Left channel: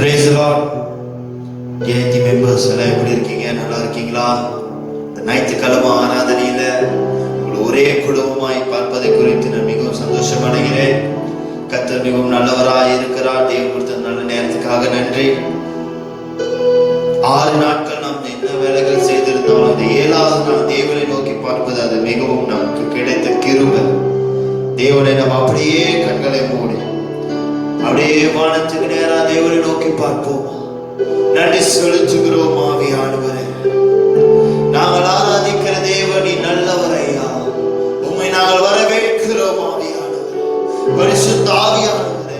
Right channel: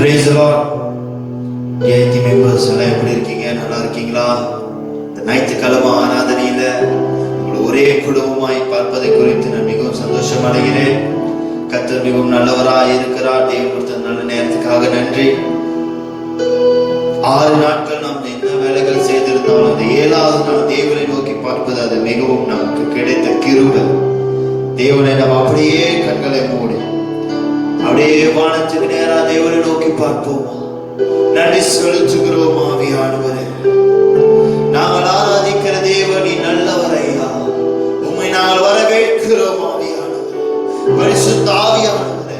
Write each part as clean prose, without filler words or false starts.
Praise the Lord. Jayanthi members எல்லாம் எப்படி இருக்கீங்க? நல்லா இருக்கீங்களா? இந்த ஞாயிற்றுக்கிழமை ஆராதனையில ஒரே குடும்பமாய் பார்ப்பதை குறித்து நான் மிகவும் சந்தோஷம் அடைகிறேன். கர்த்தர் மிகவும் நல்லவராய் இருக்கிறார். தேவன் கொடுத்த நல்ல நேரத்துக்காக நன்றி. 6 நாட்கள் நாம் என்ன வேலைகள் செய்திருந்தாலும் இந்த 7வது நாள் தேவனை நோக்கி பார்ப்பது அது மிகவும் நமக்கு கிடைத்த கிருபை. தேவனை நாம் அப்படியே கண்களை மூடி அப்படியே வானத்துக்கு நேரா தேவனை நோக்கி பார்ப்போமா? நன்றி செலுத்துகிறோம் ஆவியானவரே. நாங்கள் ஆராதிக்கிற தேவனி நல்லவரையா, உம்மை நாங்கள் வரவேற்கிறோம் ஆவியானவரே. பரிசுத்த ஆவியானவரே,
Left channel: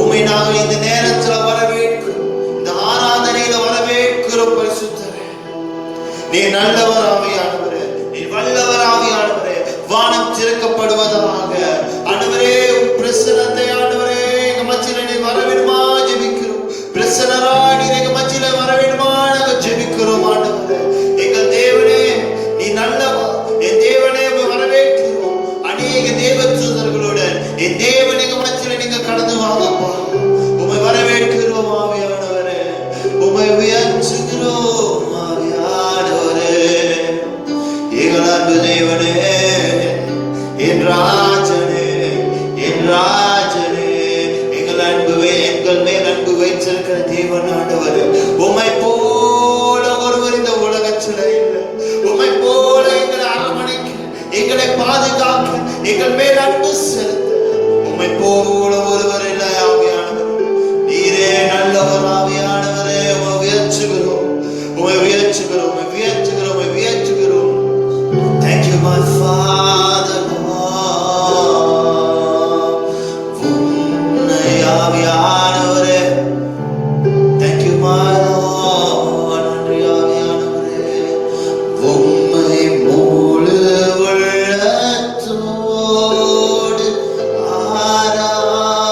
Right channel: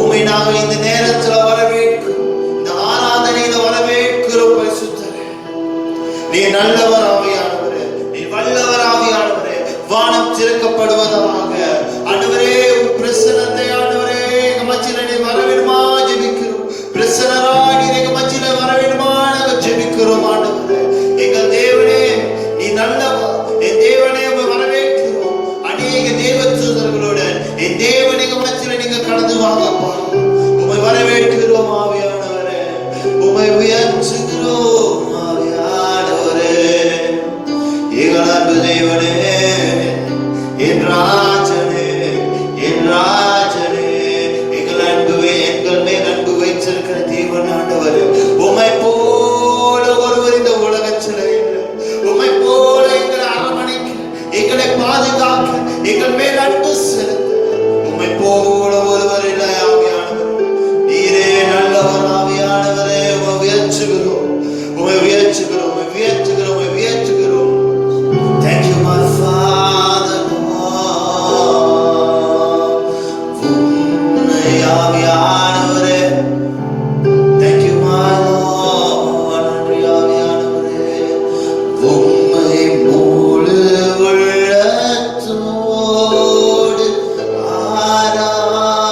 உம்மை நாங்கள் இந்த நேரத்துல வரவேற்கிறோம், இந்த ஆராதனையில வரவேற்கிறோம். பரிசுத்தரே, நீ நல்லவர் ஆவியானவரே, நீ வல்லவர் ஆவியானவரே. வானம் திறக்கப்படுவதாக. ஆண்டவரே, உம் பிரசன்னத்தை ஆண்டவரே எங்க மத்தியில நீ வரவேணுமா ஜெபிக்கிறோம். பிரசன்னமா நீ எங்க மத்தியில வரவேணுமா நாங்க ஜெபிக்கிறோம். ஆண்டவரே, எங்கள் தேவனே நீ நல்லவர். என் தேவனே உம்மை வரவேற்கிறோம். அநேக தேவதூதர்களோட என் தேவனே எங்க மத்தியில நீங்க கடந்து வாங்கப்பா. உம்மை வரவேற்கிறோம் ஆவியானவரே, உம்மை உயர்த்துகிறோம் ஆவியானவரே. எங்கள் அன்பு தேவனே, என் ராஜனே, என் ராஜனே, எங்கள் அன்புவே, எங்கள் மேல் அன்பு வைத்திருக்கிற தேவன் ஆண்டவரே, உம்மை போல ஒருவர் இந்த உலகத்தில் இல்லை. உம்மை போல எங்களை அரவணைக்க, எங்களை பாதுகாக்க, எங்கள் மேல் அன்பு செலுத்த உம்மை போல ஒருவர் இல்லை ஆவியானவர். நீரே நல்லவர் ஆவியானவரே. உம்மை உயர்த்துகிறோம், உம்மை உயர்த்துகிறோம், உம்மை உயர்த்துகிறோம், உம்மை உயர்த்துகிறோம். Thank you my Father. உம்மை ஆவியானவரே. Thank you my Lord. நன்றி ஆவியானவரே. உம்மை முழு உள்ளத்தோடு ஆராதிக்கிறேன்.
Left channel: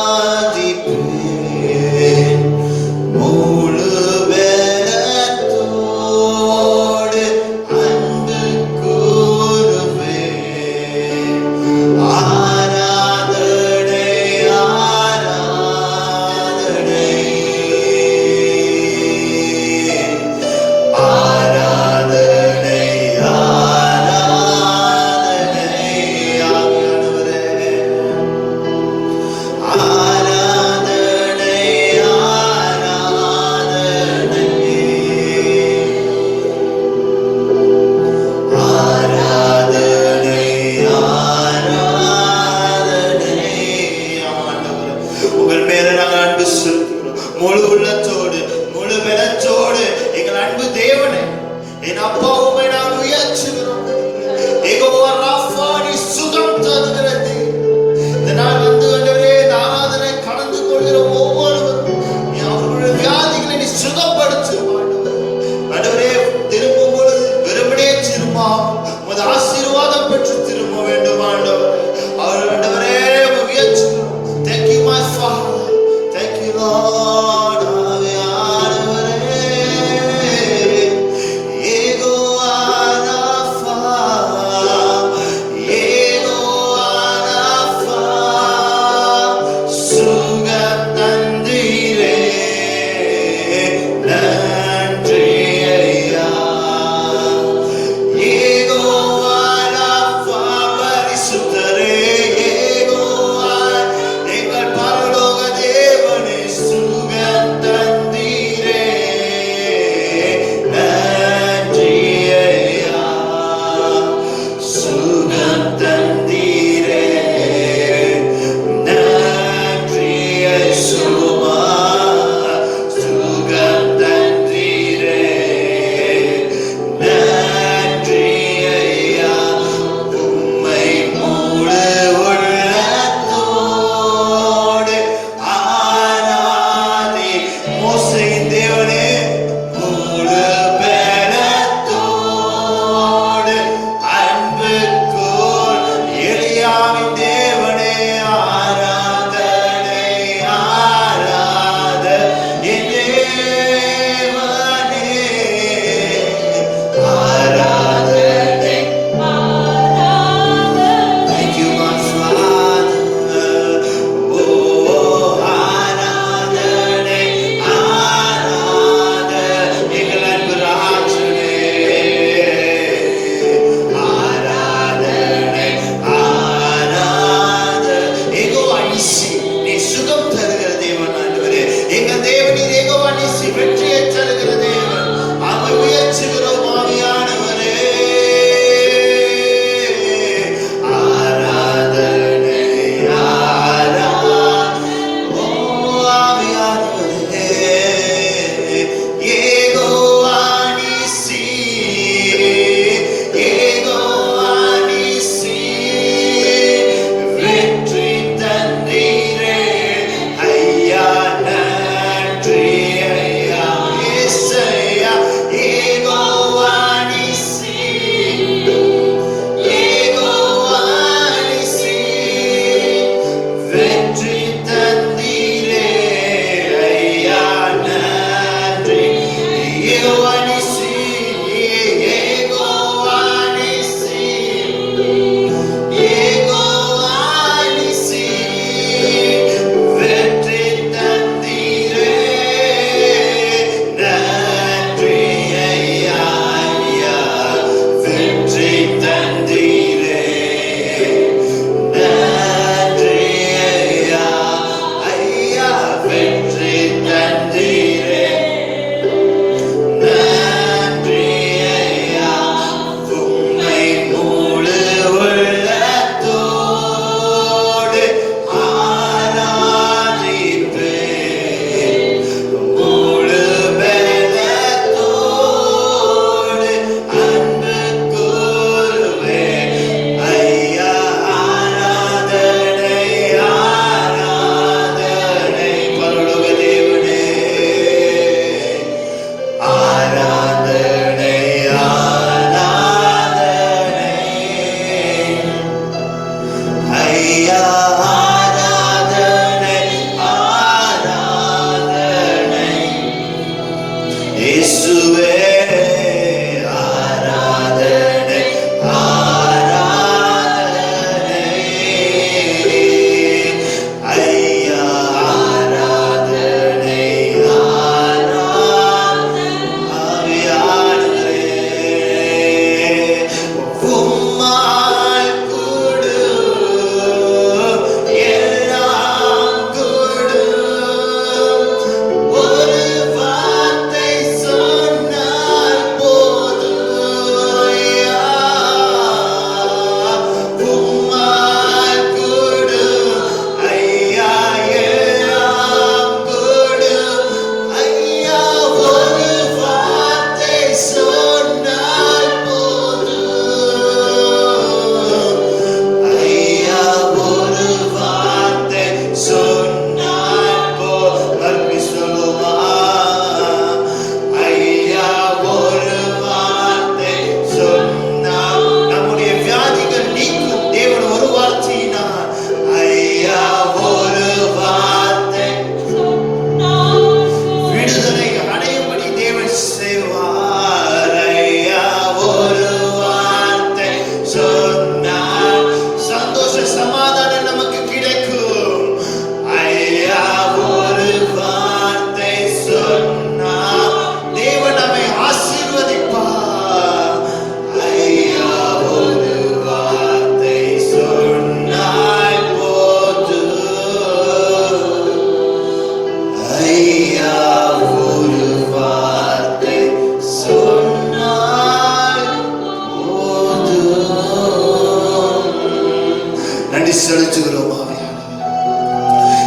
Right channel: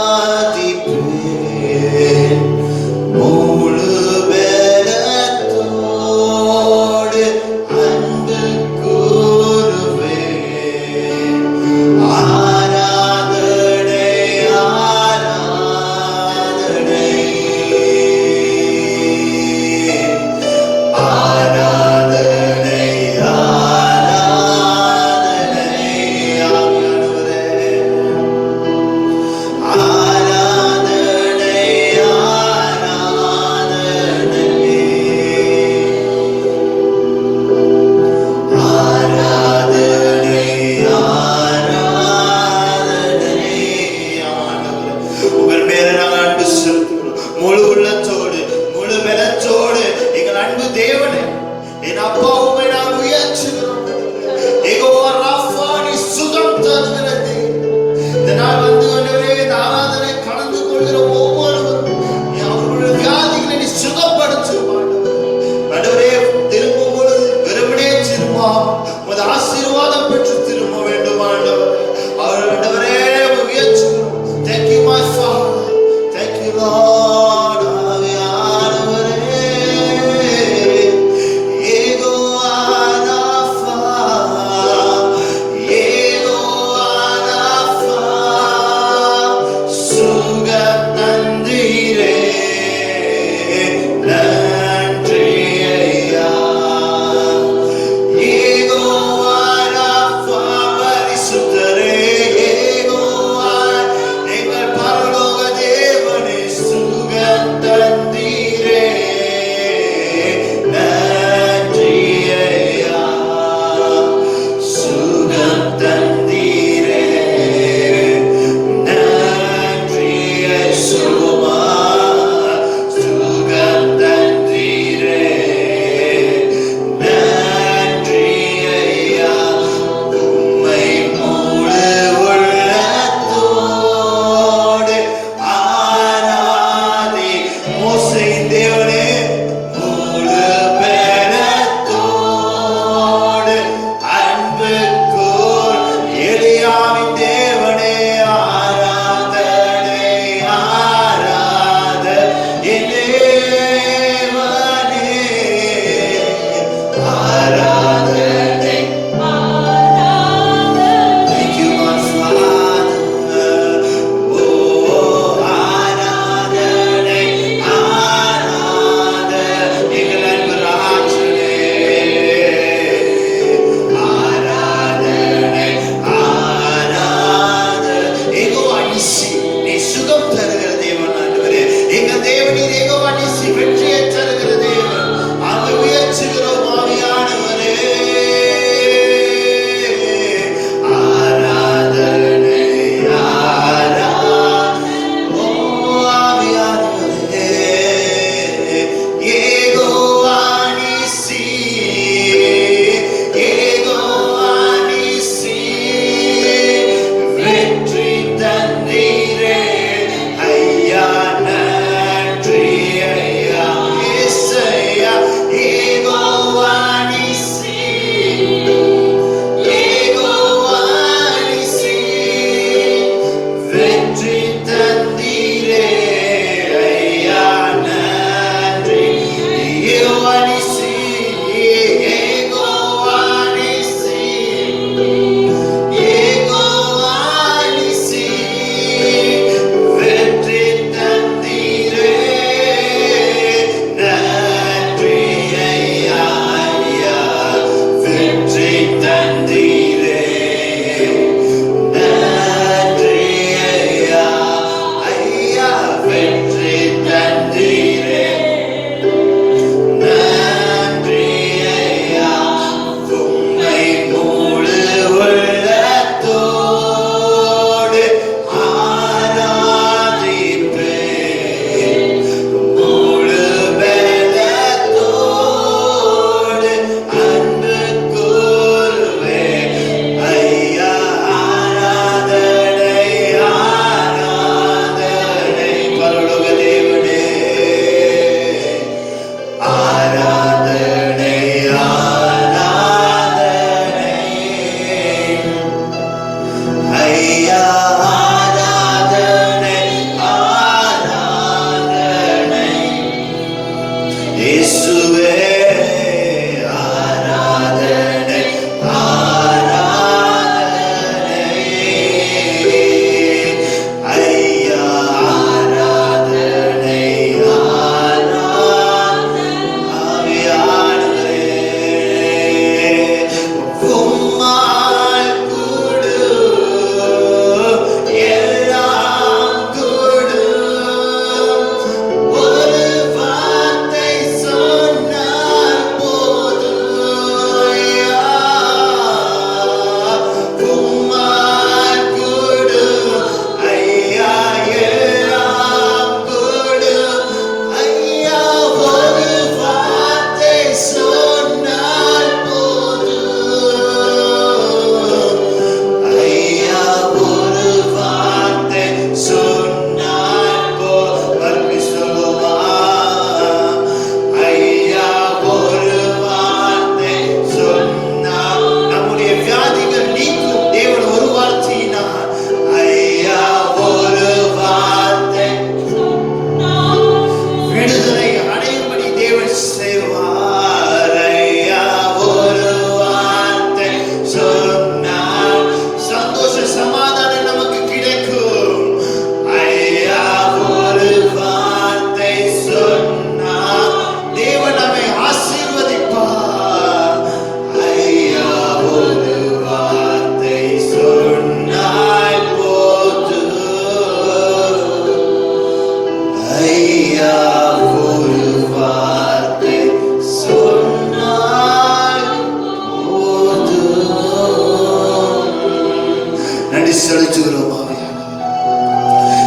நன்றி செலுத்துகிறோம்.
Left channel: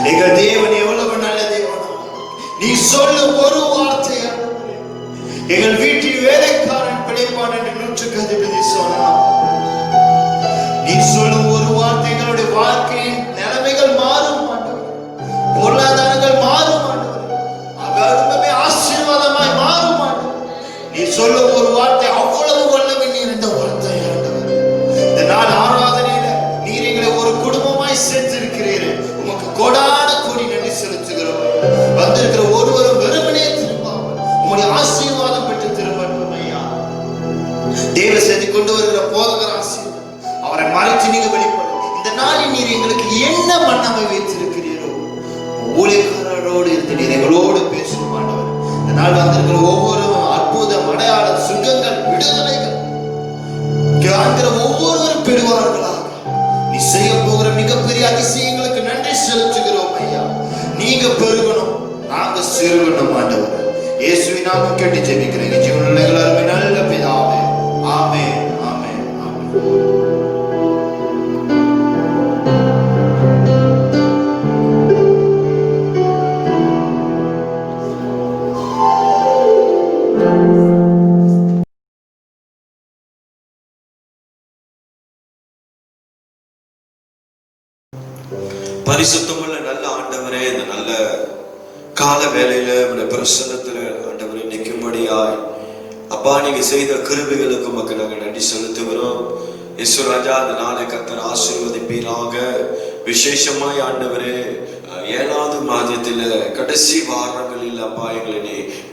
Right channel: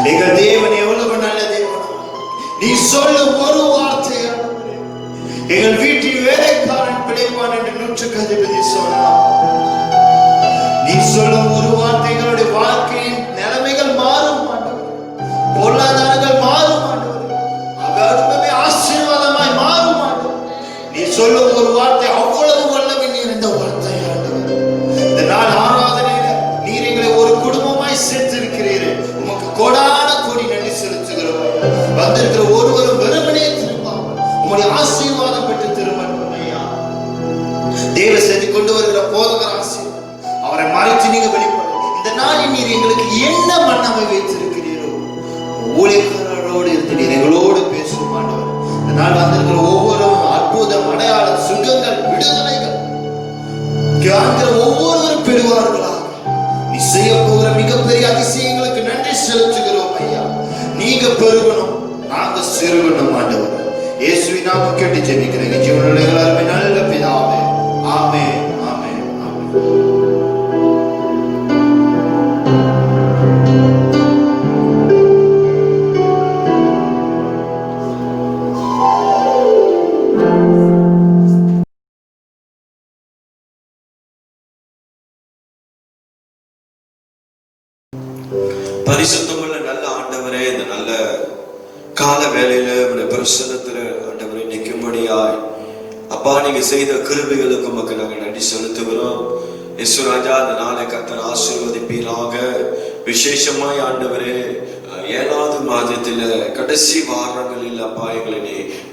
எங்கள் தேவன் எவ்வளவு நல்ல தேவன். நீ சொல்ல ஒரு வார்த்தை எங்கள் வீட்டில் வேலைக்காரன் பிழைப்பான் என்று 100க்கு அதிபதி சொன்னார். நீ சொல்லும் ஒரு வார்த்தை எங்களுடைய வாழ்க்கையின் நிலைமைகள் மாறும், பொருளாதாரங்கள் மாறும், அவர்களுமே ஆசீர்வாதமாய் மாறும். நீ சொல்லும் ஒரு வார்த்தை அவ்வளவு வல்லமை இருந்த வார்த்தை. இந்த நாள் ஆராதனையில நீர் எங்களை ஒரு குடும்பமாய் சேர்த்திருக்கிறீர்கள். உமக்கு கோடான கோடி நன்றி செலுத்துகிறோம். வந்திருக்கிற ஒருவரும் வெறுமனே திரும்பாமல் உங்களுடைய ஆசீர்வாதம் பெற்று திரும்பணும் ஐயா. தேவ செய்தி கொண்டு வருகிற போதகர் ஆசீர்வாதம் அவரை மறைத்து நீங்க வெளிப்படும். இந்த நாளில் நீர் எங்களுக்கு என்ன மனதை வைத்திருக்கிறீரோ ஊழியர்களோடு இருந்து நீர் எங்களோடு பேசும் ஆண்டவர். இந்த நாள் வந்திருக்கிற ஒவ்வொரு அற்புதம், அடையாளம், சுகங்கள், விடுதலைகள் ஒவ்வொருவரும் பெறுவார்களாக. நீ செய்ய போகிற மிகப்பெரிய அதிசயங்களுக்கு நன்றி செலுத்துகிறோம் ஐயா. நீங்க பெருகணும், நாங்க சிறுகணும் ஆண்டவர். இயேசுவின் நாமத்தில் கேட்டு ஜெபிக்கிறேன் ஜீவனுள்ள எல்லாருமே நல்ல பிதாவே. ஆமென், ஆமென், ஆமென். பரிசுத்தமுள்ள நல்ல ஆண்டவரே, இந்த நல்ல கால வேளையில பிரசன்னத்துல ஆண்டவரை நிற்கும்படியாய் அப்பா நீங்க செய்த கிருபைகளுக்கு மக்கள் நாங்கள் நன்றி செலுத்துகிறோம். இயேசுராஜா, அந்த நாளை கர்த்தர் ஆசீர்வதிப்பீராக. விசேஷமாய் ஆண்டவரே 7வது மாதத்துல கடைசி வாரங்களில் அப்பா எங்களை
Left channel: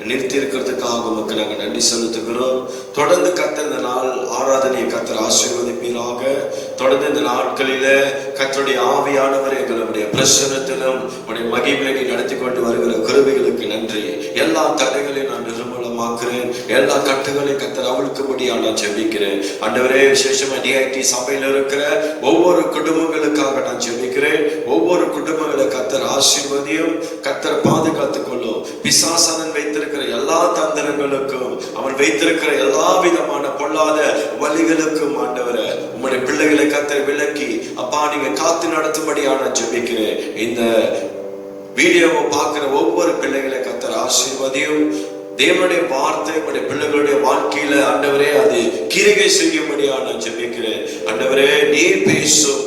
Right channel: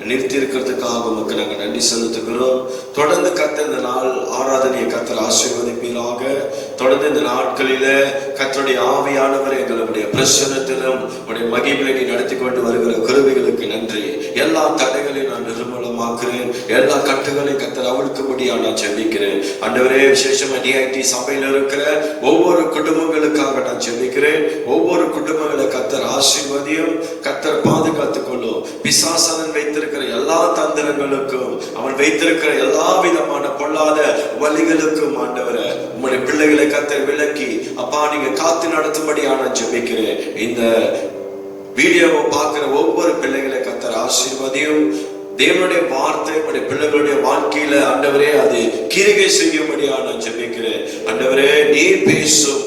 நிறுத்தி இருக்கிறதுக்காக மக்கள் நாங்கள் நன்றி செலுத்துகிறோம். தொடர்ந்து கர்த்தர் இந்த நாள் ஆராதனையை கர்த்தர் ஆசீர்வதிப்பீராக. தொடர்ந்து இந்த நாட்களில கர்த்தருடைய ஆவியானவர் எங்களுடைய பிரசன்னத்திலும் உடைய மகிமையை நடத்தி கொண்டு வருகிற கிருபைகளுக்கு நன்றி. எல்லா தடைகளையும் நான் நிர்மூலமாக்குறேன். எல்லா கட்டுகளையும் கர்த்தர் அவிழ்க்கும்படியா நான் ஜெபிக்கிறேன். ஆண்டவரே, விசேஷமா டிஐடி சபையில இருக்கிற ஒவ்வொரு குடும்பங்களுக்காக நான் ஜெபிக்கிறேன். ஒவ்வொரு குடும்பங்களை கர்த்தர் ஆசீர்வதியும், கர்த்தர் பாதுகாத்துக் கொள்ளும். பிசாசன் வைத்திருக்கிற எல்லா தந்திரங்களுக்கும், அவன் வைத்திருக்கிற எல்லா விதமான பொல்லாத வழிகளுக்கும் ஆண்டவரை உங்களுடைய பிள்ளைகளை கர்த்தர் விலக்கி அப்பா நீங்க காத்து நடத்தும்படியான ஜெபிக்கிறேன். இந்த வீடியோவை பார்க்கிற ஒவ்வொரு பிள்ளைகளை கர்த்தர் ஆசீர்வதியும். தேவனுடைய வார்த்தை உங்களுடைய பிள்ளைகளுடைய வாழ்க்கையில ஆண்டவரே அது கிரிகை செய்யும்படியான ஜெபிக்கிறேன். ஆண்டவரே, நீர் பேசும்,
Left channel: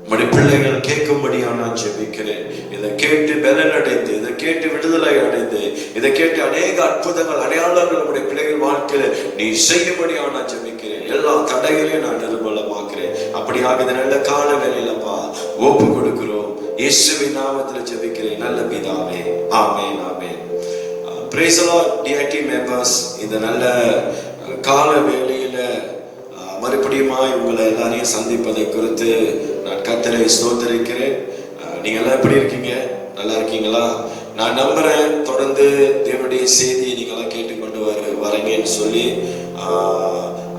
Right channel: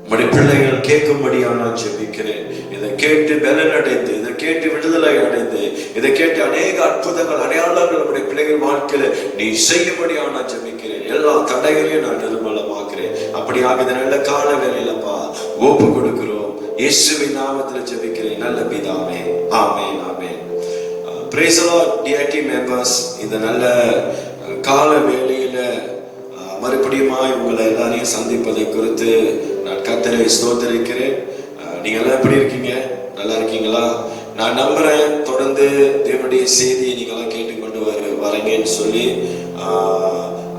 உங்களுடைய பிள்ளைகள் கேட்கும்படியான ஜெபிக்கிறேன். இதை கேட்டு பலன் அடைந்து, இதை கேட்டு விடுதலை அடைந்து, இதை கேட்டு அநேக அற்புதங்கள், அடையாளங்கள் நம்முடைய பிள்ளைகள் வாழ்க்கையில நீ செய்யும்படியான ஜெபிக்கிறேன். எல்லா தடைகளையும் நான் நிர்மூலமாக்குறேன். அப்படியாக இந்த நல்ல காலங்களிலப்பா ஒப்பு கொடுக்கிறோம். இயேசுவின் நாமத்தில் ஜெபிக்கிறேன் நல்ல பிதாவே. ஆமென், ஆமென். Praise the Lord, DIT members. இந்த நல்ல கால வேளையில மறுபடியுமாய் உங்களை எல்லாரையும் சந்திப்பதை குறித்து நான் கர்த்தரை ஸ்தோத்திரிக்கிறேன். நீங்க எல்லாம் எப்படி இருக்கீங்க? நல்லா இருக்கீங்களா? நான் நம்புறேன் தொடர்ந்து தேவனுடைய செய்தியை நீங்க எல்லாம் கேட்டுக்கொண்டு வரீங்கன்னு சொல்லி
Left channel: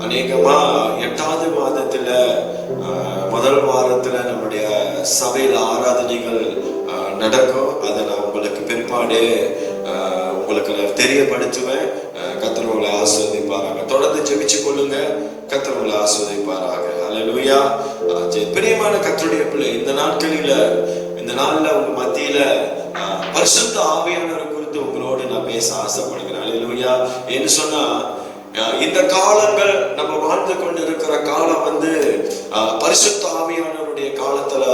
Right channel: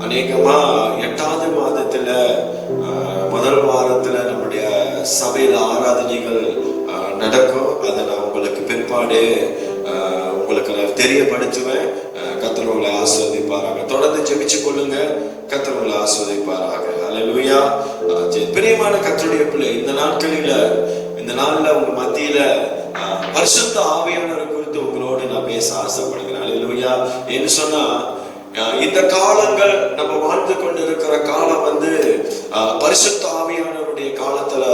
அநேகமா 8வது மாதத்துல முதல் வாரத்துல நம்முடைய சபையில ஆராதனைகள் நடக்கும். அதை நான் உங்களுக்கு பிற்பாடு உங்களுக்கு தெரியப்படுத்துவேன். கர்த்தர் உங்களை ஆசீர்வதிப்பாராக. தொடர்ந்து ஜெபிச்சு கொள்ளுங்க. கர்த்தர் உங்களை ஆசீர்வதிப்பாராக. அல்லேலூயா. பிரியமான கர்த்தருடைய பிள்ளை, இந்த நாட்களில இந்த நாள்ல உங்க மத்தியில பரிசுத்த ஆவியானவர் குறித்து உங்களோடு நான் பேச ஆசைப்படுகிறேன். அல்லேலூயா. என்ன சொன்னா, இந்த காலங்கள் நம்ம வாழ்ந்து கொண்டு இருக்கிற காலம் பரிசுத்த ஆவியானவருடைய காலத்துல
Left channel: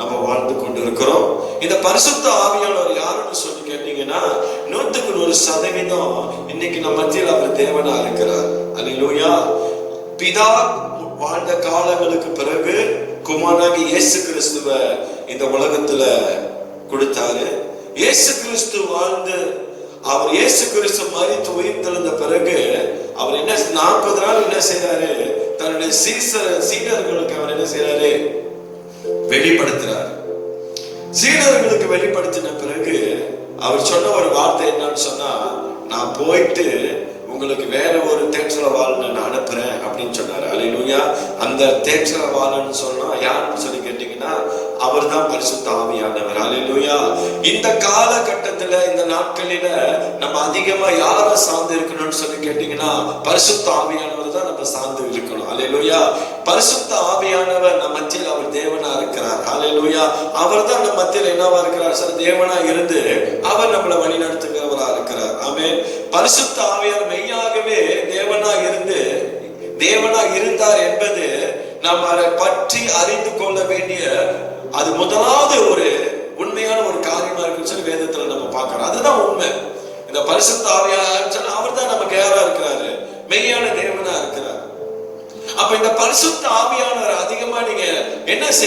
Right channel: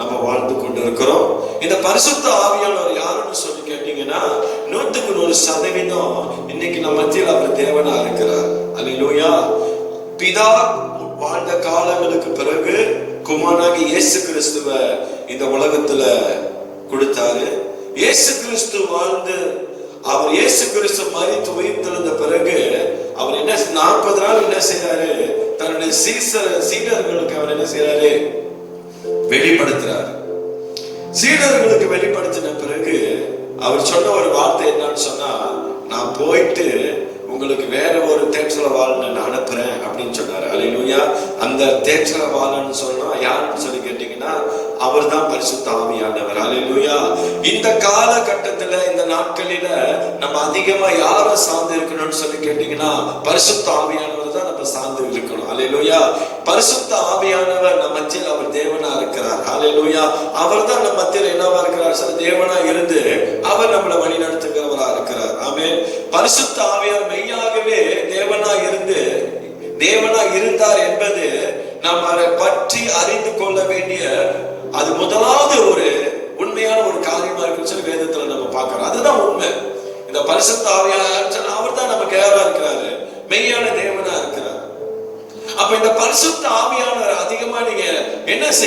நம்ம வாழ்ந்து கொண்டு இருக்கிறோம். இந்த பரிசுத்த ஆவியானவர் யாருன்னு சொல்லி கேட்டீங்கன்னா 100% இன்னைக்கு நம்ம மத்தியில் அவர் தேவனா இருக்கிறார். அல்லேலூயா. பிதா வாழ்ந்த காலங்களுக்கு பிறகு குமாரனாகி இயேசு கிறிஸ்துவ இந்த உலகத்துல கொடுத்தாரு. இயேசு கிறிஸ்து வாழ்ந்து அவர் இயேசு கிறிஸ்து மரித்து உயிர் தெழுந்த பிறகு அவர் என்ன 40 நாள் என்ன செய்யறாரு? தன்னுடைய சீடர்களுக்கு அவர் என்ன செய்யறாரு? வெளிப்படுத்துறாரு. சீடர்களுக்கு வெளிப்படுத்தின பிறகு அவர் சொன்ன ஒரு வார்த்தை என்னன்னு சொன்னா, நான் போயிட்டு உங்களுக்கு வேற ஒரு தேற்றவாளனை நான் அனுப்புறேன் அப்படின்னு சொன்னாரு. அல்லேலூயா. அந்த தேற்றவாளன் சொன்னா யாருன்னு சொல்லி கேட்டீங்கன்னா அவர் தான் பரிசுத்த ஆவியானவர். அல்லேலூயா. இந்த காலகட்டத்துல இந்த நாட்களில நம்ம அதிகமா யார சார்ந்து இருக்கணும்னு சொல்லி கேட்டீங்கன்னா பரிசுத்த ஆவியானவர் தான் நம்ம சார்ந்து இருக்கணும். அல்லேலூயா. பரிசுத்த ஆவியானவர் நம்ம மத்தியில் அவர் தேவனா இருக்கிறார்.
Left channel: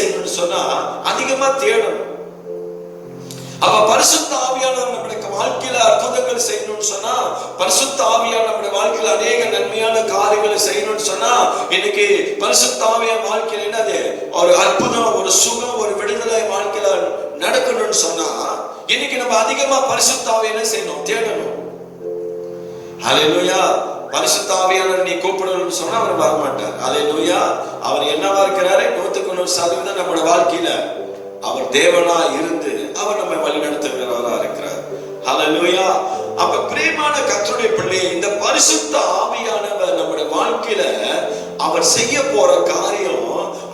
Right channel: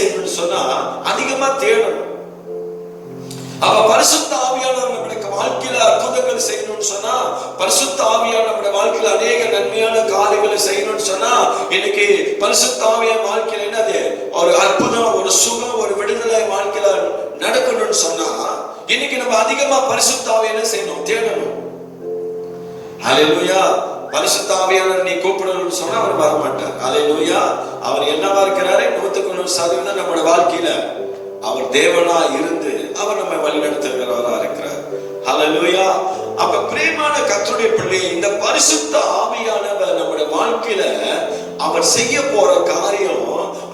செய்யணும்னு சொன்னா அதிகமா தேடணும். அவ பரிசுத்த ஆவியானவர் நம்முடைய வாழ்க்கையில அற்புதங்கள் செய்யணும்னு சொன்னா, பரிசுத்த ஆவியானவர் நம்முடைய வாழ்க்கையில அநேக நன்மையான காரியங்களை செய்யணும்னு சொன்னா, இன்னைக்கு பரிசுத்த ஆவியானவர் வாழ்க்கையில என்னது ஒரு அற்புதம், ஒரு சுகம், ஒரு விடுதலை வாழ்க்கையில நடக்கணும்னு சொன்னா, இன்னைக்கு நம்ம அதிகமா பரிசுத்த ஆவியானவரை செய்யணும், தேடணும். ஹல்லேலூயா. பரிசுத்த ஆவியானவர் நீ கூப்பிடணும்னு சொன்னா அவர் வரமாட்டார். ஹல்லேலூயா. அவர் என்னவா இருக்கிறாரு? 100% நம்முடைய வாழ்க்கையில அவர் தேவனா இருந்து அவர் நம்ம வழிநடத்துகிறவரா இருக்கிறார். ஹல்லேலூயா. அப்ப பிரியமான கர்த்தருடைய பிள்ளையே, இந்த பரிசுத்த ஆவியானவர் நம்முடைய வாழ்க்கையில அவர் செய்ய போற காரியம்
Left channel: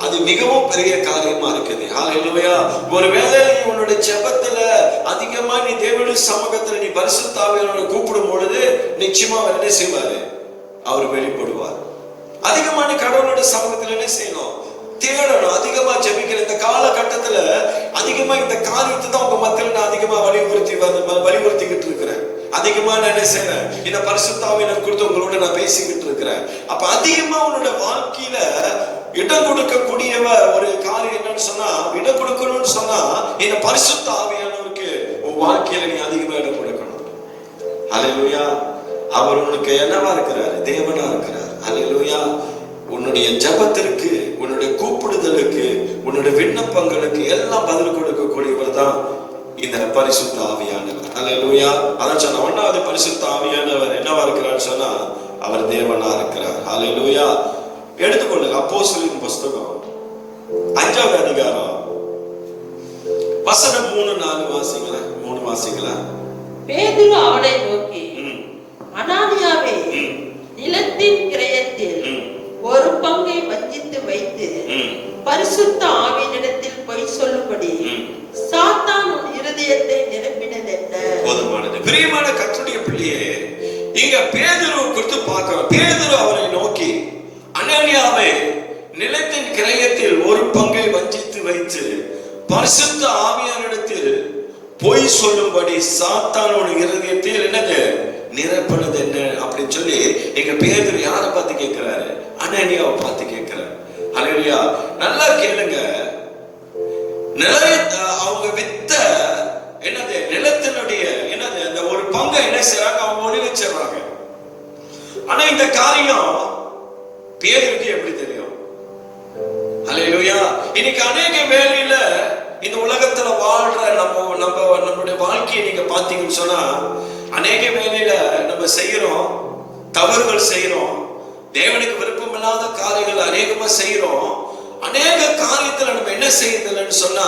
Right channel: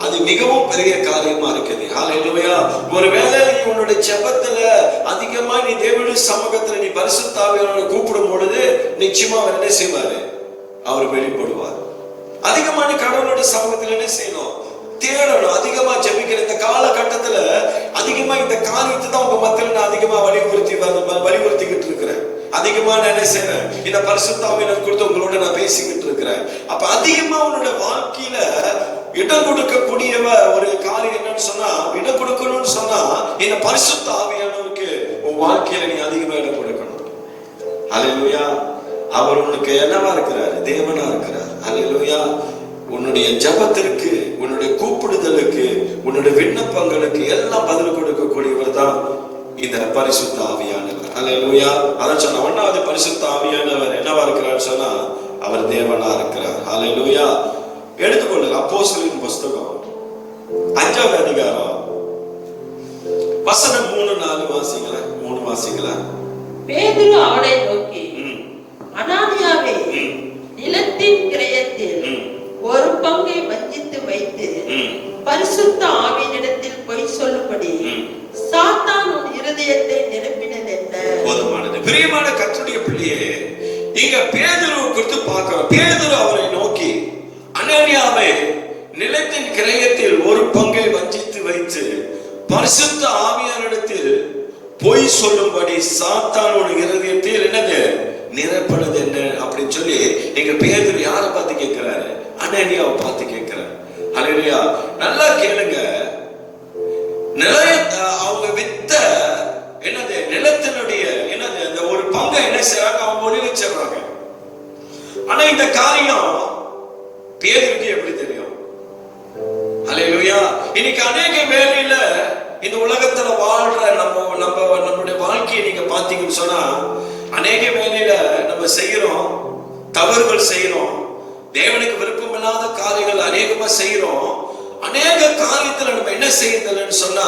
அது மிகவும் பெரிய காரியமா இருக்குது. ஹல்லேலூயா. ஒருவேளை உன்னுடைய ஜெபத்துல அதிகமா நீ தேவனுடைய சமூகத்துல நீ பரிசுத்த ஆவியானவரை கூப்பிடும் பொழுது நிச்சயமா அவர் என்ன செய்வாரு? அவர் வெளிப்படுவார். அதிகமான கடவுளுடைய சமூகத்துல என்ன செய்யணும்? தேடணும், அதிகமா ஜெபிக்கிற இந்த காலகட்டத்துல அதிகமா இந்த காரியத்தை தான் உங்க மக்களுக்கு அதிகமா வலியுறுத்திக்கிட்டு இருக்கிறேன். அதிகமா நான் என்ன செய்யறேன்? இந்த பரிசுத்த ஆவியானவர் குறித்து உங்களோட நான் பேசிக்கிட்டு இருக்கிறேன். அப்ப அதிகமா உன்னோட வாழ்க்கையில இடம் கொடுக்கக்கூடிய ஒரு காரியம் என்னன்னு சொன்னா, இடம் கொடுக்கணும்னு சொன்னா இந்த பரிசுத்த ஆவியானவருக்கு உன் வாழ்க்கையில நீ அதிகமா இடம் கொடுக்கணும். ஹல்லேலூயா. அவர் உனக்கு என்னவா இருக்கிறார்? தேவனா இருக்கிறார். ஹல்லேலூயா. உன்னுடைய ஜபத்திற்கு, உன்னுடைய கூப்பிடுதலுக்கு, உன்னுடைய விண்ணப்பங்களுக்கு எல்லாம் பதில் கொடுக்கக்கூடியவர் தான் இந்த பரிசுத்த ஆவியானவர். ஹல்லேலூயா. அதான் சொன்ன ஒன்றாவது பரிசுத்த ஆவியானவர் என்னவா இருக்கிறார் சொன்னா அவர் தேவனா இருக்கிறார். ஹல்லேலூயா. எடுத்துக்கொள்ளுங்க அப்போஸ்தலரின் புஸ்தகம் 5வது அதிகாரம் வசனம் 3-4 வாசிக்கலாம். 3 வாசிக்கலாம். பேதுரு அவனை நோக்கி, அனானியாவே, நிலத்தின் கிரயத்தில் ஒரு பங்கை வஞ்சித்து வைத்து பரிசுத்த ஆவியினிடத்தில் பொய் சொல்லும்படி சாத்தான் உன் இருதயத்தை நிரப்பினது என்ன? பிரியமான கர்த்தருடைய பிள்ளையே, இங்க பேதுரு குறித்து பார்க்கிறோம். பேதுரு அவரை நோக்கி, அனானியாவே, நிலத்தின் கிரயத்தில் ஒரு பங்கை வஞ்சித்து வைத்து பரிசுத்த ஆவியாரிடத்தில் பொய் சொல்லும்படி சாத்தானோட இருதயத்தில் என்னது நிரப்பினது என்ன அப்படின்னு சொல்லி எங்க பேதுரு யாரை பார்த்து கேட்கிறாரு? அனானியாவை பார்த்து கேட்கிறார். ஹல்லேலூயா. நல்லா கேளுங்க. அவங்க வித்த என்னது நிலத்தினுடைய என்னது இந்த ஒரு பங்கை என்ன செய்யறாங்க? அவங்க ஒளி வச்சிடறாங்க. ஆனா இந்த காரியம் பேருக்கு எப்படி தெரியும்? ஹல்லேலூயா. இன்னைக்கு அநேக வேளையில இந்த உலகத்துல வாழ்ற நம்மளுடைய வாழ்க்கையை நீங்க பாத்தீங்கன்னு சொன்னா, அநேக வேளையில நம்ம செய்யறோம், தவறுகள் செய்யறோம், தேவனுக்கு விருப்பம் இல்லாத காரியங்கள் அநேகமா செய்யறோம். அநேக காரியத்துல நம்ம என்ன செய்யறதுன்னு சொன்னா,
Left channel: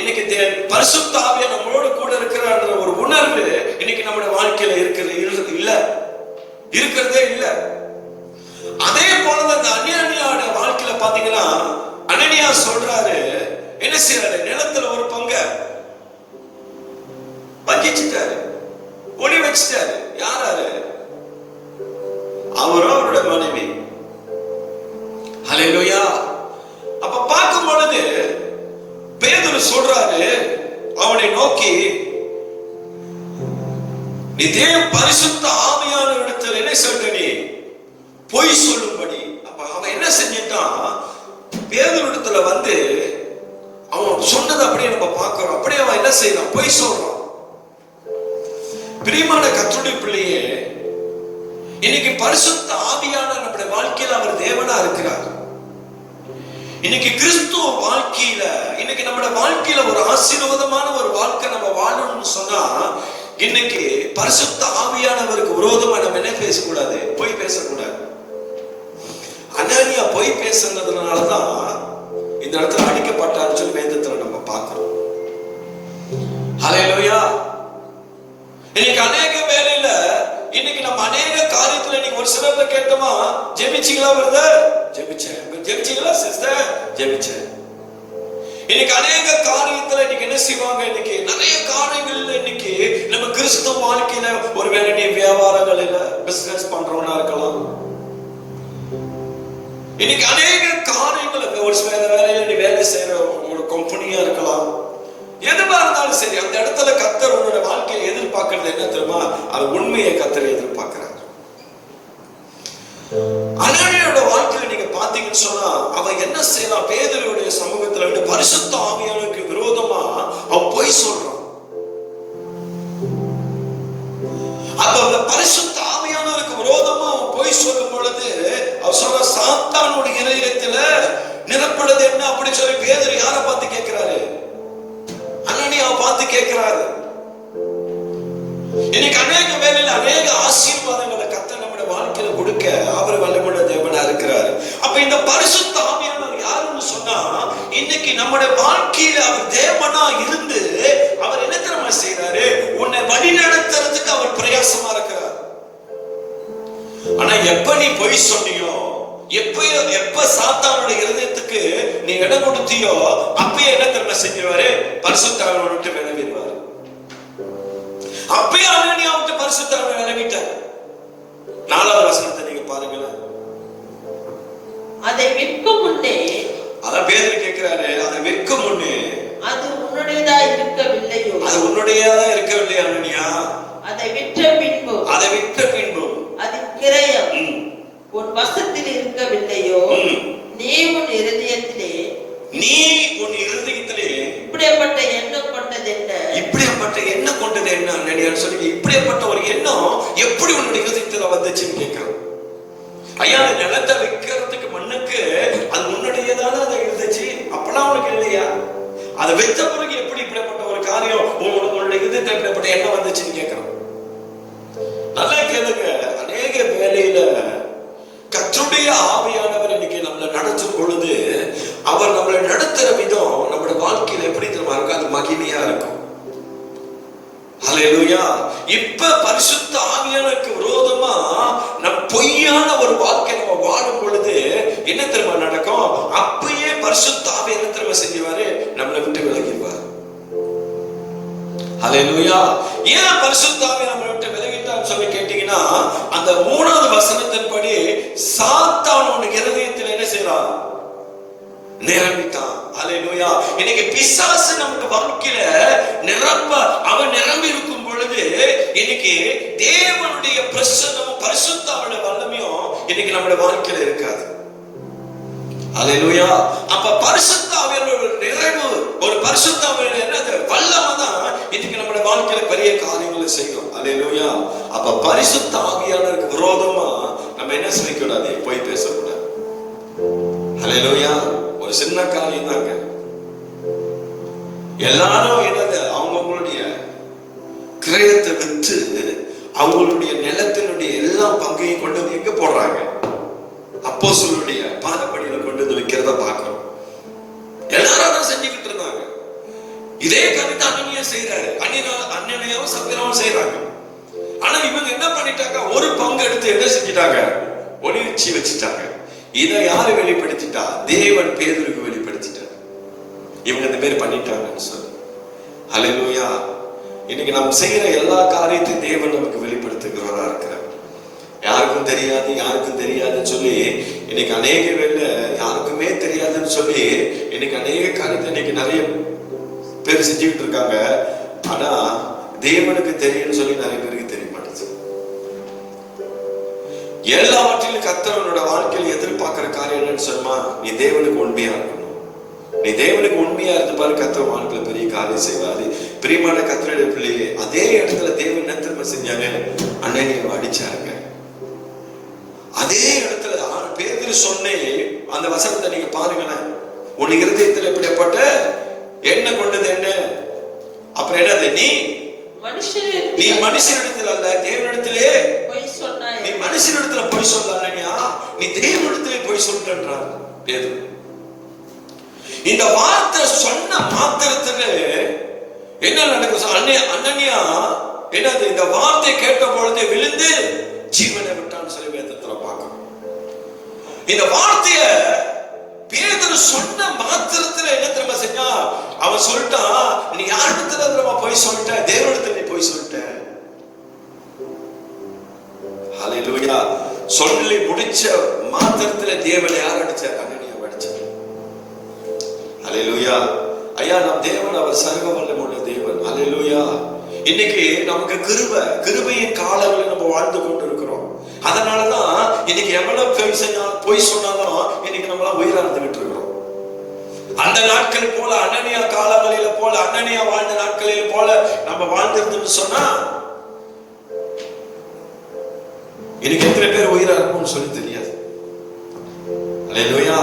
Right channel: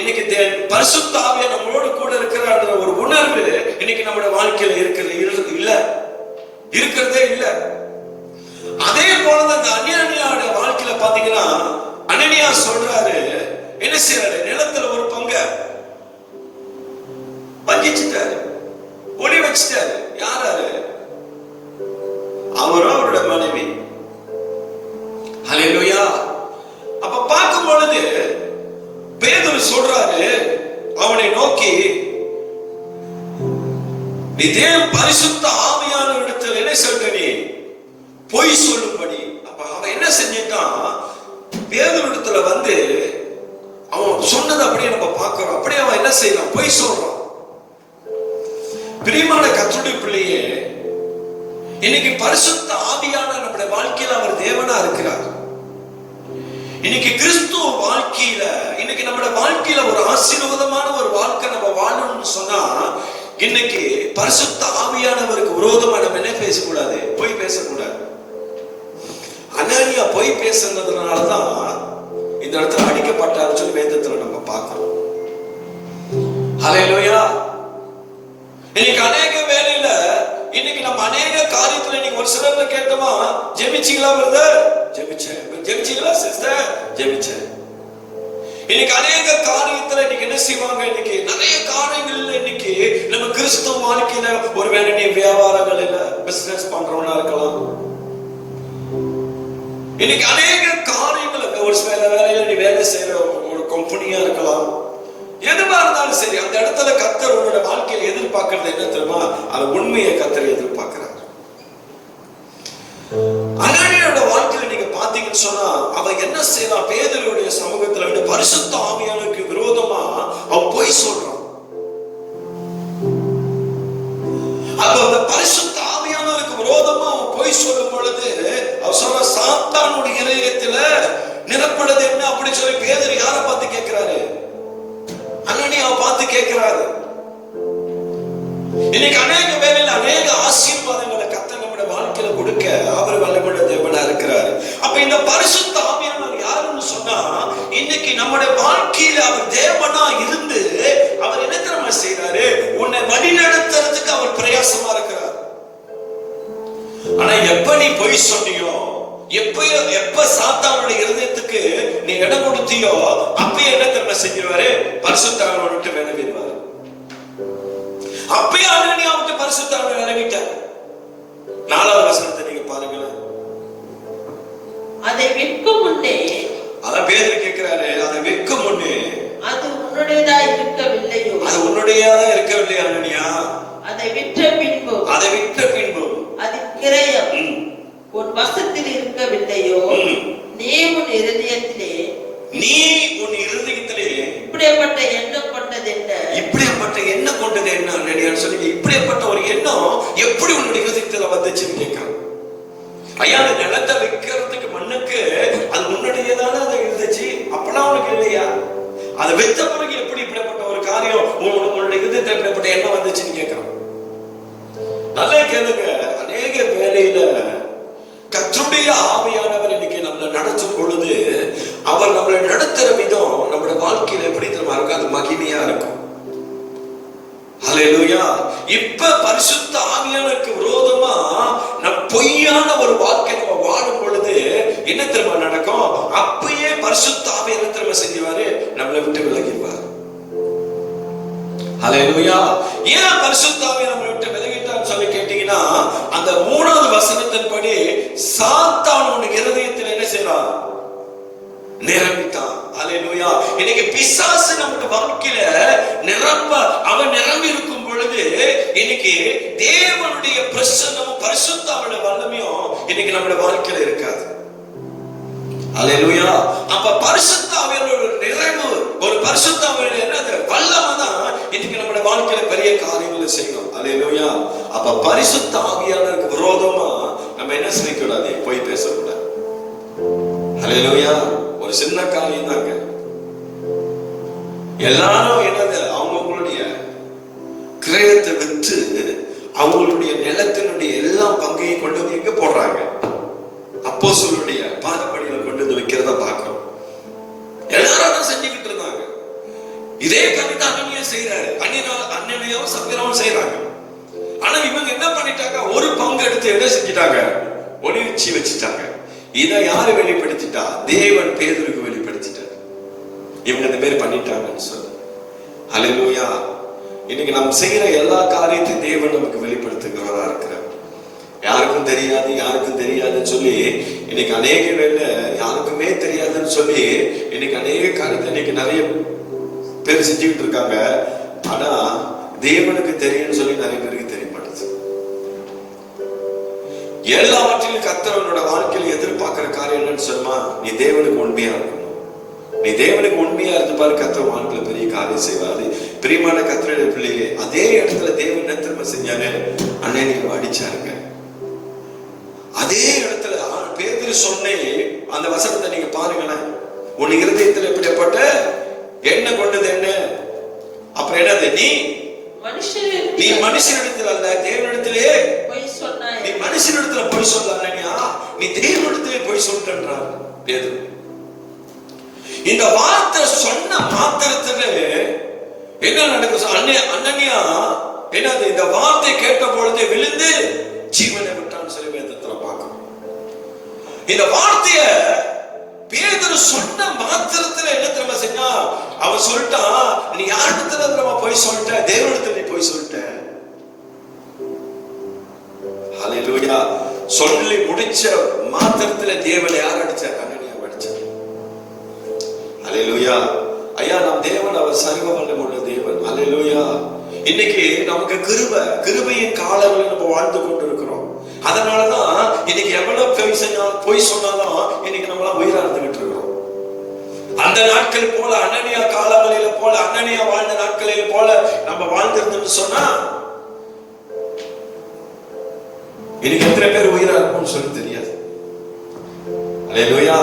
இன்னைக்கு பரிசுத்த ஆவியானவர் நம்மளோட கூட இருக்கிறான்ற ஒரு உணர்வு இன்னைக்கு நம்ம வாழ்க்கையில இருக்கிறதே இல்ல. அதே போலதான் இந்த அனானியாவோட வாழ்க்கையில பாத்தீங்கன்னா, அனனியா சொல்றாரு, என்ன செய்யறாரு? நிலத்துல ஒரு பங்கு பங்கிச்சுட்டாரு, ஒளி வச்சுட்டாரு. யாராரு? அவரும் அவருடைய மனைவி. ஹல்லேலூயா. அப்ப பார்க்கும் பொழுது பேதுரு சொல்றாரு அவனை நோக்கி, நீ தேவ பரிசுத்த ஆவியானவரிடத்தில் என்ன சொல்ற? நீ பொய் சொல்லும்படி. அப்ப அவன் என்ன செஞ்சிட்டான்? பேதுருவிடத்துல வந்து அவன் சொன்னது அப்படியே நம்ம பார்க்கிறோம். அப்படியே அவன் என்ன செய்யறான்? பொய் சொல்றான். பிரியமான கர்த்தருடைய பிள்ளையே, இன்னைக்கு பரிசுத்த ஆவியானவர் நம்முடைய வாழ்க்கையில அவர் தேவனா இருக்கிறார். இன்னைக்கு கிறிஸ்துவ வாழ்க்கையில, இன்னைக்கு நம்முடைய வாழ்க்கையில ஒரு ஆசீர்வாதமான ஒரு வாழ்க்கை நம்ம வாழணும்னு சொன்னா, இன்னைக்கு பரிசுத்த ஆவியானவருக்கு விரோதமா நம்ம என்ன பேசக்கூடாது? பொய் பேசக்கூடாது. அனானியா பொய் பேசுனதுனாலதான் இந்த இடத்துல அடிக்கப்பட்டார் சொல்லி வேதத்துல நம்ம பார்க்கிறோம். ஹல்லேலூயா. இன்னைக்கு அநேக வேலையில இன்னைக்கு நம்ம அநேக காரியத்துல நீங்க ஒரு சிலர்ல கேட்டோமா, ஜெபிச்சீங்களா பிரதர்? ஜெபிச்சேன். ஜெபிச்சீங்களா சிஸ்டர்? ஜெபிச்சேன். இன்னைக்கு அநேக காரியத்துல இன்னைக்கு என்ன செய்வாங்க? இன்னைக்கு நிறைய காரியங்கள்ல இன்னைக்கு நம்ம கிறிஸ்துவ வாழ்க்கையில ஒருவேளை நீ வியாபாரங்கள் இல்ல பிசினஸ் பண்றவனா இருக்கலாம். இன்னைக்கு அநேக காரியங்களுக்கு ஒரு சில வேலையில நீ வேலை செய்யற ஒரு கம்பெனியா இருக்கலாம். எதுவா இருந்தாலும் சரி, அந்த இடத்துல கர்த்தர் உன்னோட வாழ்க்கையில எதிர்பார்க்கறது என்ன தெரியுமா? அது உண்மையை கர்த்தர் எதிர்பார்க்கிறார். அனானியாவோட வாழ்க்கையில நீங்க பாத்தீங்கன்னு சொன்னா, அவன் என்ன செய்யலாம்? பேதுருவுடைய சமூகத்துல விட நம்முடைய வாழ்க்கையில அவர் தேவனா இருந்து அவர் என்ன தெரியுமா செய்யறாரு? உன்னை வழி நடத்துறதுக்கு அவர் பிரயாசமா இருக்கிறார். ஆனா எப்ப நீ பொய் சொன்னியோ, எப்ப சாத்தானுடைய இருதயத்துக்கு நீ இடம் கொடுத்தியோ, அப்பயே என்ன தெரியுமா செஞ்சுவாரு? பரிசுத்த ஆவியை விட்டு விலகிடுவார். அப்பயே அனனியா விட்டு பரிசுத்த ஆவியை விலகிட்டார். 4வது வசனத்தை நீங்க பாருங்க. அதை விற்கும் முன்னே, அதான் பேதுரு கேட்கிறாரு, அதை விற்கும் முன்னே அது உன்னுடையதா இருக்கவில்லையோ? அது உன்னுடையதா இருக்கவில்லை அனனியா. அதை விற்ற பின்பு அதன் கிரயம் உன் வசத்தில் இருக்கவில்லையோ? நீ உன் இருதயத்திலே இப்படிப்பட்ட எண்ணம் கொண்டது என்ன அனனியான்னு சொல்லி, இப்படிப்பட்ட ஒரு எண்ணம் எப்படி உன்னுடைய இருதயத்துல வந்துச்சுன்னு கேட்கிறோம். ஐயா, அந்த நிலத்தை விற்கிறதுக்கு மண்ணுக்கு அது முன்னாடியேதானே அதை இருந்துச்சு, அப்பெல்லாம் உனக்கு இல்லையா? அதை விற்ற பிறகு எப்படி இப்படிப்பட்ட ஒரு காரியம் உங்களுடைய இருதயத்தில் இப்படிப்பட்ட எண்ணம் வந்துச்சுன்னு கேட்கிறோம். நல்லா கேளுங்க. அநேக வேலையில கர்த்தருடைய ஆவியானவர் இன்னைக்கு நம்மளை நடத்தும் பொழுது அவர் நம்மளை நடத்துற விதம் நம்மளோட வாழ்க்கையில எப்படி நம்ம இருக்கும்? அது மகிமையா இருக்கும். ஹல்லேலூயா. இப்ப பரிசுத்த ஆவியானவருக்கு விரோதமா நம் பொய்யான ஒரு வாழ்க்கை நம்ம வாழும் பொழுது என்ன திரும்ப நடக்கும்? அப்பயே பரிசுத்த ஆவியானவர் திரும்ப செஞ்சுவாரு, நம்மளை விட்டு விலகிடுவார். ஹல்லேலூயா. ஏன் பரிசுத்த ஆவியானவர் நம்மளை விட்டு விலகிட்டான்னு சொல்லி கேட்டீங்கன்னா, அந்த 3வது வசனத்தின்படி சாத்தான் உன் இருதயத்தில் என்ன செய்யறான்? நிரம்பிட்டான். ஹல்லேலூயா. இன்னைக்கு பிசாசு நமக்கு வாழ்க்கையில அவன் நிரம்பி இருக்கும் பொழுது இன்னைக்கு தேவனுடைய பிரசன்னம் பரிசுத்த ஆவியுடைய வல்லமையும் இன்னைக்கு நம்முடைய வாழ்க்கையில இருக்காது. ஹல்லேலூயா. அப்ப பரிசுத்த ஆவியுடைய ஒரு நிறைவு, ஒரு பரிசுத்த ஆவியுடைய வல்லமை தான் இன்னைக்கு நம்முடைய வாழ்க்கையில பெரிய காரியங்களை செய்யும். ஹல்லேலூயா. அப்ப பரிசுத்த ஆவியானவருக்கு விரோதமா நம்ம என்ன செய்யக்கூடாது? போய் பேசக்கூடாது. ஹல்லேலூயா. ஒரு சின்ன காரியம் தாங்க. எல்லாரும் என்னது? அவங்களுடைய கிரயத்தை விற்று அவங்களுடைய நிலத்தினுடைய எல்லா பங்கையும் கொண்டு வந்து எங்க போடுறாங்க? அப்போஸ்தலருடைய பாதப்படியில கொண்டு வந்து வைக்கிறத பார்க்கிறோம். எல்லாரும் செஞ்சுக்கிட்டு இருந்தாங்க. இதே கவிதை அனனியா செய்யறாரு. அனனியாவும் சப்பிராவும் செய்யறாங்க. ஆனா இவங்க என்ன பண்ணிட்டாங்க? ஒரு பங்கு எடுத்து என்ன செஞ்சிட்டாங்க? ஒளிச்சு வச்சுட்டாங்க. இதை யாரு வெளிப்படுத்திட்டா? தேவன் பேதுருக்கு வெளிப்படுத்திட்டார். இவங்க இந்த மாதிரி பண்ணிட்டாங்கன்னு சொல்லி. ஹல்லேலூயா. இன்னைக்கு நாம் செய்யற எல்லா காரியத்தையும் தேவன் நமக்கு வெளிப்படுத்துகிறவரா இருக்கிறார். யாருக்கும் தெரியாதுன்னு சொல்லி இன்னைக்கு அநேக வேலை யாருக்குமே தெரியாதுன்னு சொல்லி இன்னைக்கு அநேக காரியத்தை இன்னைக்கு நிறைய பேர் செஞ்சுக்கிட்டு இருக்காங்க. ஆனா தேவனுக்கு தெரியும்னு சொல்லி நிறைய பேருக்கு தெரிய மாட்டேங்குது. எல்லாவற்றிலும் கர்த்தரோட வாழ்க்கையில் எதிர்பார்க்கிற காரியம் என்னன்னு சொன்னா, நீ தேவனுக்கு உண்மையா இருக்கணும். நீ தேவனுக்கு உண்மையா இருந்து பாரு, கர்த்தர் வாழ்க்கையில பெரிய காரியம் செய்வாரு. பிரியமான கர்த்தருடைய பிள்ளையே, அதே இடத்துல தேவன் என்ன திரும்ப செஞ்சாரு? அனனியாவை அடிச்சாருங்க. அதே இடத்துல பேதுரு சொன்னே அந்த வசனத்தை நீங்க பாருங்களேன். உன் இருதயத்தில் எப்படிப்பட்ட எண்ணம் கொண்டது என்ன? அப்புறம் என்னது? நீ மனுஷனிடத்தில் அல்ல தேவனிடத்திலே நீ மனுஷனிடத்துல போய் சொல்லானியா, நீ தேவனிடத்திலே போய் சொல்றான் பேதுரு. இந்த வார்த்தை சொன்ன மாத்திரத்துல என்ன நடக்குது? அனனியா என்னது? இந்த வார்த்தை கேட்ட பொழுது விழுந்து ஜீவனை விட்டான் சொல்லி வேதத்துல பார்க்கணும். இந்த வார்த்தைய பேதுரு சொன்ன மாத்திரத்துல என்ன தெரியுமா செஞ்சா? அவன் சொல்லிட்டான், நீ யாரிடத்துல போய் சொல்லிட்ட? தேவனிடத்துல நீ போய் சொல்லிட்ட. ஹல்லேலூயா. சொல்லி முடிச்ச மாத்திரத்துல தேவனை யார் அடிச்சார்? அனனியாவை அடிச்சார். ஹல்லேலூயா. ஐயா, நம் தேவன் அவர் சர்வ வல்லமையுள்ள தேவன். ஹல்லேலூயா. இன்னைக்கு நமக்கு கிருபையின் காலங்களில் நம்ம வாழ்ந்து கொண்டு இருக்கிறோம். அதனாலதான் இன்னைக்கு எவ்வளவு போய் சொன்னாலும் இன்னைக்கு நம்மளாம் உயிராழ்ந்துகிட்டு இருக்கிறோம். அந்த நாட்கள் போல அனனியா காலங்களில போல அனனியா வாழ்ந்த நாட்களில் போல நம்ம வாழ்ந்திருந்தோம்னு சொன்னா இன்னைக்கு எத்தனை பேர் உயிரா இருக்கும்னு சொல்லி தெரியாது. அல்லேலூயா.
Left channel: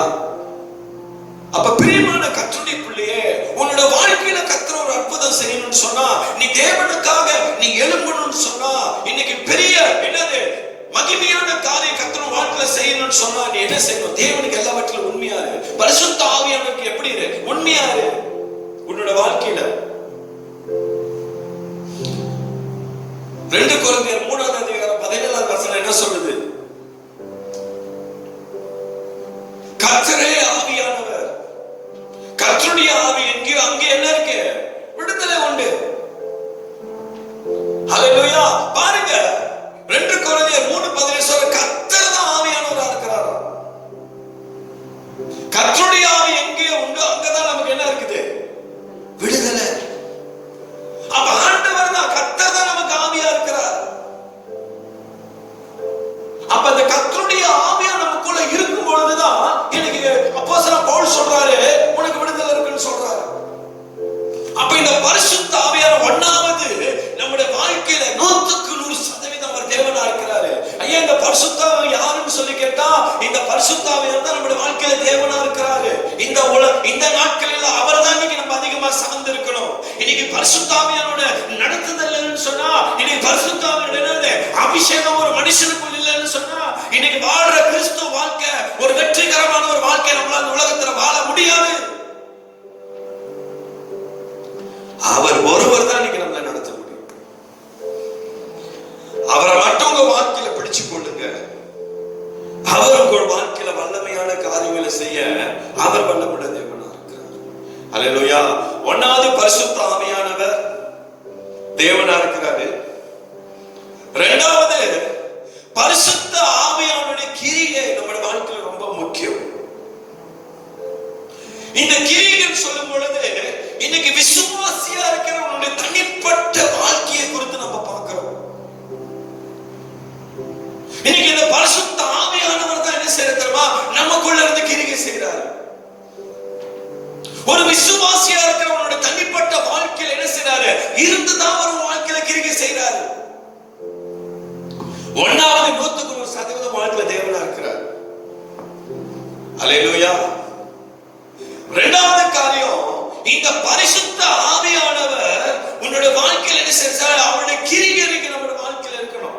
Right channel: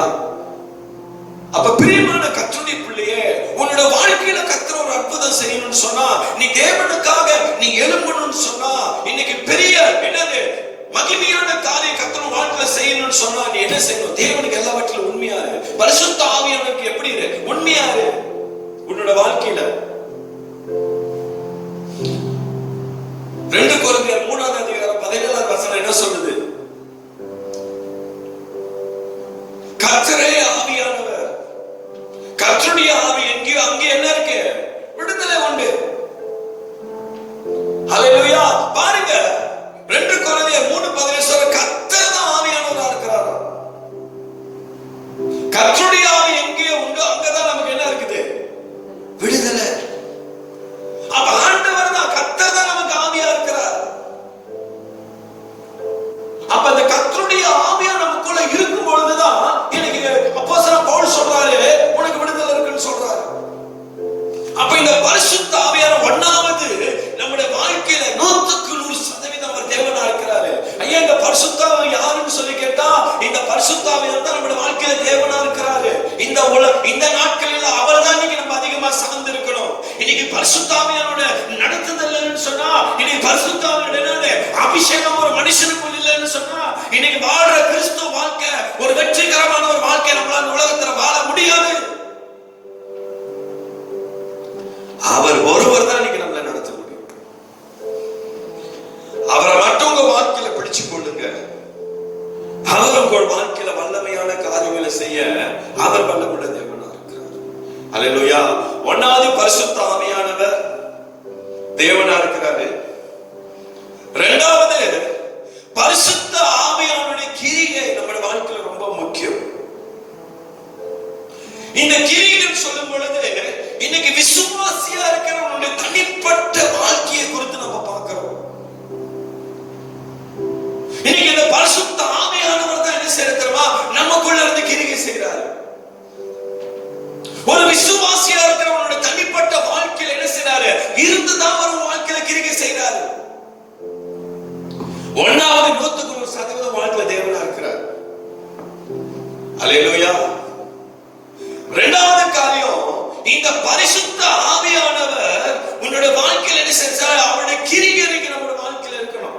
அப்ப பிரியமான கர்த்தருடைய பிள்ளையே, உன்னோட வாழ்க்கையில கர்த்தர் ஒரு அற்புதம் செய்யணும்னு சொன்னா, நீ தேவனுக்காக நீ எழும்பணும்னு சொன்னா, இன்னைக்கு பெரிய என்னது மகிமையான காரியம் கர்த்தர் வாழ்க்கையில செய்யணும்னு சொன்னா, நீ என்ன செய்யணும்? தேவனுக்கு எல்லாவற்றிலும் உண்மையா இரு. பரிசுத்த ஆவியானவருக்கு எப்படி இரு? உண்மையா பரிசுத்த ஆவியானவர் தேவனா இருக்கிறாரு. இரண்டாவது, பரிசுத்த ஆவியானவருடைய கிரியை நம்முடைய வாழ்க்கையில் ரொம்ப முக்கியம். இந்த கிரிகள் சொல்லும் பொழுது இன்னைக்கு விசுவாசியா இருக்கிறவங்களுடைய தனிப்பட்ட வாழ்க்கையை குறித்து நம்ம பார்க்கிறோம். இன்னைக்கு இந்த பரிசுத்த ஆவியானவர் தான் என்ன செய்யறா, நமக்குள்ள இருந்து கிரியை செய்யறாரு. ஒரு விசுவாசியா இருக்கிறவங்களுடைய தனிப்பட்ட வாழ்க்கையில் என்ன செய்யறாரு, இருந்துதான் ஒரு வாழ்க்கையில கிரியை செய்யறாரு. ஒன்னாவது 100% வாழ்க்கையில தேவனா இருக்கிறார். அல்லேலூயா. இரண்டாவது காரியம், இந்த பரிசுத்த ஆவியானவர் உன்னுடைய வாழ்க்கையில் என்ன செஞ்சால் அவருடைய கிரியை நம்முடைய வாழ்க்கையில் இருக்கணும்.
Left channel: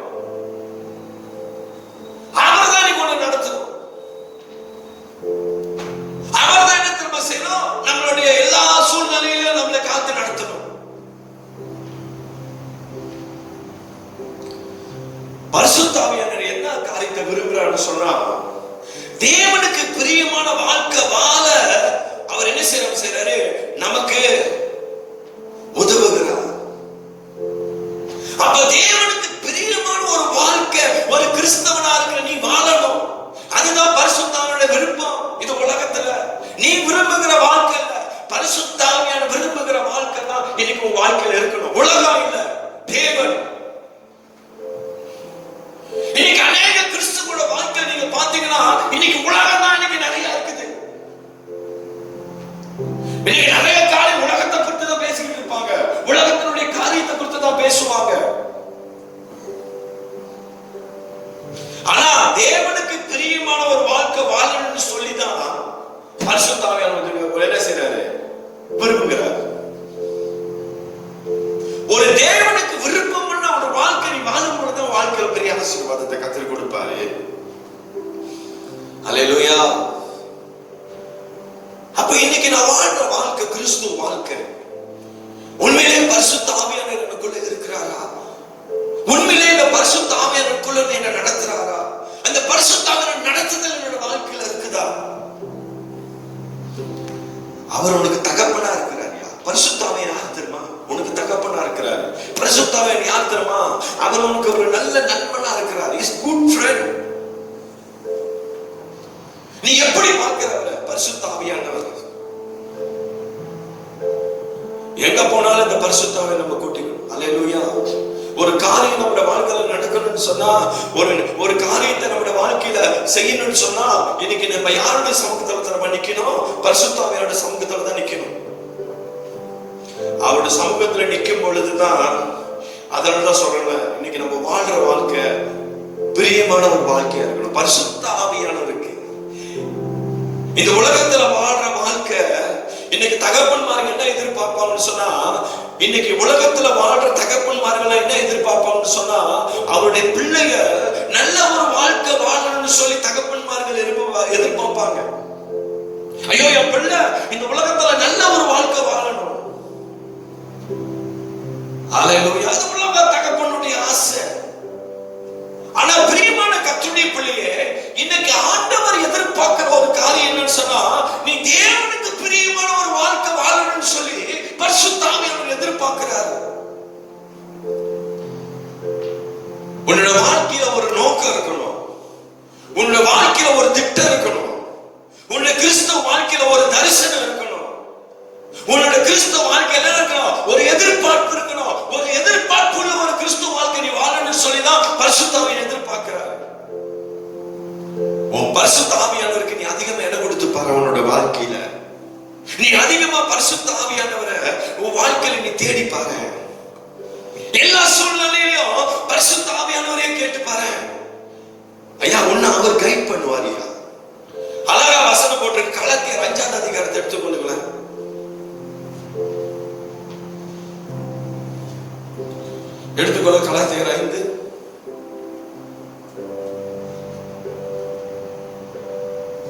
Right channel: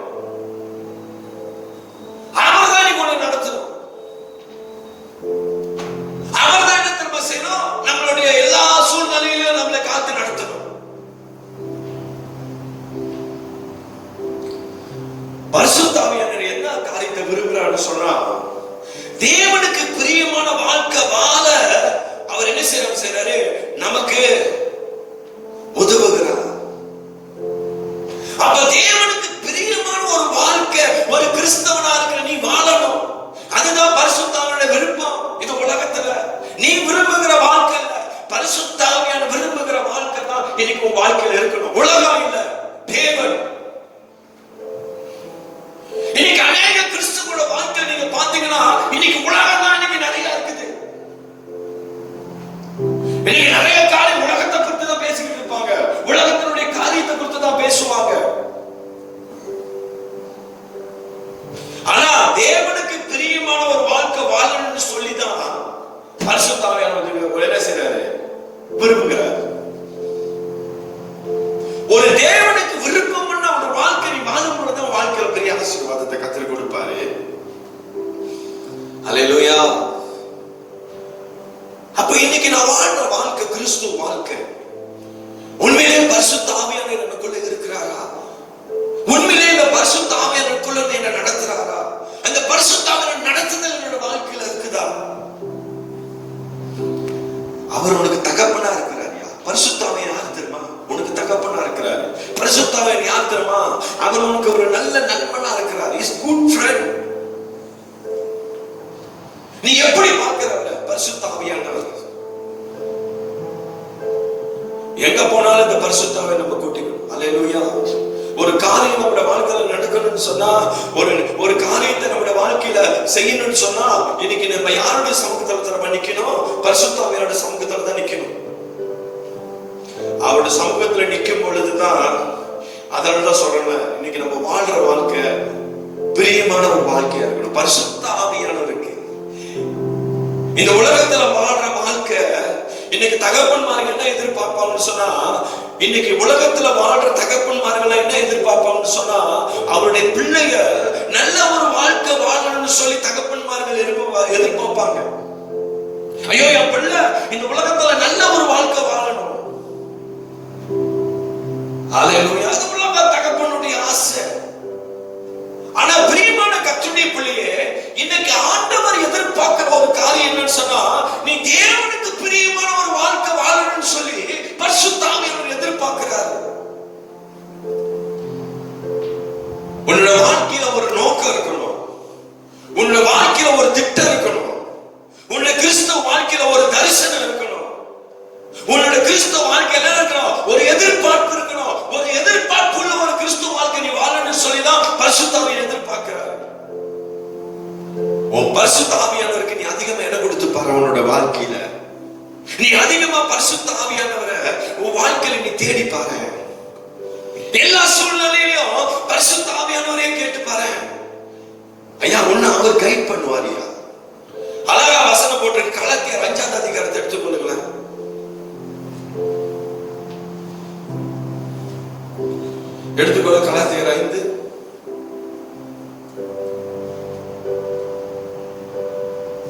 அவர்தான் நீ உன்னை நடத்தணும். அவர்தான் என்ன திரும்ப செய்யணும், நம்மளுடைய எல்லா சூழ்நிலையிலும் நம்மளை காத்து நடத்தணும். பரிசுத்த ஆவியானவர் என்ன காரியத்தை விரும்புகிறான்னு சொன்னா, தேவனுக்கு பிரியமான வாழ்க்கை வாழ அவர் என்ன செய்யறாரு, நமக்கு உதவுகிறார். அப்ப தேவனுக்கு பிரியமான ஒரு வாழ்க்கை ஒரு கிறிஸ்தவனா இருக்கிற நீ வாழணும். அதுதான் பரிசுத்த ஆவியானவருடைய விருப்பம். இது உலகத்துல நீ விரும்புகிற வாழ்க்கை, பரிசுத்த ஆவியானவர் விரும்புகிற வாழ்க்கை தான் இன்னைக்கு உன் வாழ்க்கையில இருக்கணும். உலகம் இல்ல, தேவன். இன்னைக்கு அநேக கிறிஸ்தவங்களோட வாழ்க்கை நீங்க பாத்தீங்கன்னா இன்னைக்கு உலகம் தான் இன்னைக்கு நிறைய இருக்குது. இன்னைக்கு நிறைய காரியம் உலகத்தை குறித்து தான் பேசிக்கிட்டு இருப்பாங்க, உலகத்தினுடைய காரியத்தை குறித்து தான் பேசுவாங்க. ஆனா தேவனுக்கு பிரியமான ஒரு வாழ்க்கை வாழணும்னு சொல்லிதான் பரிசுத்த ஆவியானவர் என்ன செய்யறாரு, விரும்புகிறார். ஒரு தேவனுக்கு விருப்பம்னா ஒரு வாழ்க்கை நீ வாழும் பொழுது வாழ்க்கையில பெரிய ஆசீர்வாதத்தை கற்றுக் கொடுப்பாரு. அல்லேலூயா. அப்ப இன்னைக்கு நான் வாழ்ற வாழ்க்கை கிறிஸ்துவ வாழ்க்கை. உண்மையிலே பரிசுத்த ஆவியானவர் எனக்குள்ள இருக்கிறாரா? உண்மையிலே இந்த பரிசுத்த ஆவியானவருக்குள்ள என்ன நடத்துறாரா? அந்த பரிசுத்த ஆவியானவர் நடத்துதல் என்னோட வாழ்க்கையில இருக்குதா? அவர் உனக்கு தகப்பனா இருக்கிறாரியா? பரிசுத்த ஆவியானவர் யார் தெரியுமா? உனக்கு தகப்பனா இருக்கிறாரு. பரிசுத்த ஆவியானவர் யார் தெரியுமா? அவர் உனக்கு ஒரு நல்ல நண்பனா இருக்கிறார். Is good friend. நீ எப்படி பார்க்கிறவர பரிசுத்த ஆவியானவர்? எங்க போனாலும் இந்த பரிசுத்த ஆவியை நம்ம கூட்டிக்கணும். அல்லேலூயா. ஒரு காரியம் நம்முடைய வாழ்க்கையில நடக்கணும்னு சொன்னா, ஒரு காரியத்தை நம்முடைய வாழ்க்கையில செய்யணும்னு சொன்னா, இன்னைக்கு நம்ம யாருடைய சமூகத்துல நம்ம நிக்கணும்? பரிசுத்த ஆவியோட சமூகத்துல தான் நிக்கணும். அவருடைய சமூகத்துல நிக்கும் பொழுதுதான், அதனாலதான் சொல்றேன், இன்னைக்கு நம்ம வாழ்ற வாழ்க்கை பிரியமான ஒரு வாழ்க்கையா இருக்கணும். பரிசுத்த ஆவியானவருக்கு இந்த உலகத்துல வாழ்ற வாழ்க்கை இன்னைக்கு தகப்பன்மார்கள் என்ன எதிர்பார்ப்பாங்கன்னு சொன்னா, இன்னைக்கு உலகத்துல வாழ்ற தகப்பன்மார்கள் என்ன எதிர்பார்ப்பாங்கன்னு சொன்னா, அவருடைய பிள்ளைங்க நல்ல ஒரு வாழ்க்கை வாழணும்னு சொல்லி தகப்பன்மார்கள் எதிர்பார்ப்பாங்க. ஐயோ, என் பிள்ளை இந்த உலகத்துல நல்ல ஒரு வாழ்க்கை வாழணும். அல்லேலூயா. அது உலக தகப்பனுடைய ஆசை. ஆனா பிரியமான கர்த்தருடைய பிள்ளையே, இன்னைக்கு ஆண்டவர் எதிர்பார்க்கிற ஒரு காரியம் என்னன்னு சொன்னா, நீ தேவனுக்கு பிரியமான ஒரு வாழ்க்கை வாழணும்னு சொல்லி பரிசுத்த ஆவியானவர் எதிர்பார்க்கிறார். உன்னோட வாழ்க்கையில ஒரு நோக்கம் இருக்கணும். உன்னோட வாழ்க்கையில ஒரு திட்டம் இருக்கணும். உன்னோட கிறிஸ்தவ வாழ்க்கையில ஒரு தரிசனம் இருக்கணும். உன்னோட கிறிஸ்தவ வாழ்க்கையில இருக்கணும் ஒரு எதிர்பார்ப்பு இருக்கணும். ஒரு எதிர்பார்ப்புள்ள ஒரு கிறிஸ்தவ வாழ்க்கை நீ வாழணும்னு சொல்லிதான் பரிசுத்த ஆவியை எதிர்பார்க்கிறார். உன் பரிசுத்த ஆவியானவருக்கு நீ அதிகமா இடம் கொடுத்து பாரு. உன்னோட வாழ்க்கையில நீ அதிகமா பரிசுத்த ஆவியானவரை உன் வாழ்க்கையில நீ தேடி பாரு. எல்லா சூழ்நிலையிலும் பரிசுத்த ஆவியானவரே கேட்டு பாரு. ஐயா, உன்ன அவர் கைட் பண்ணுவாரியா? அழகா வசனம் போட்டு கலத்தியர் 5ஆம் அதிகாரத்தை எடுத்துக்கொள்ளுங்க. எடுத்துக்கொள்ள கலத்தியர் 5.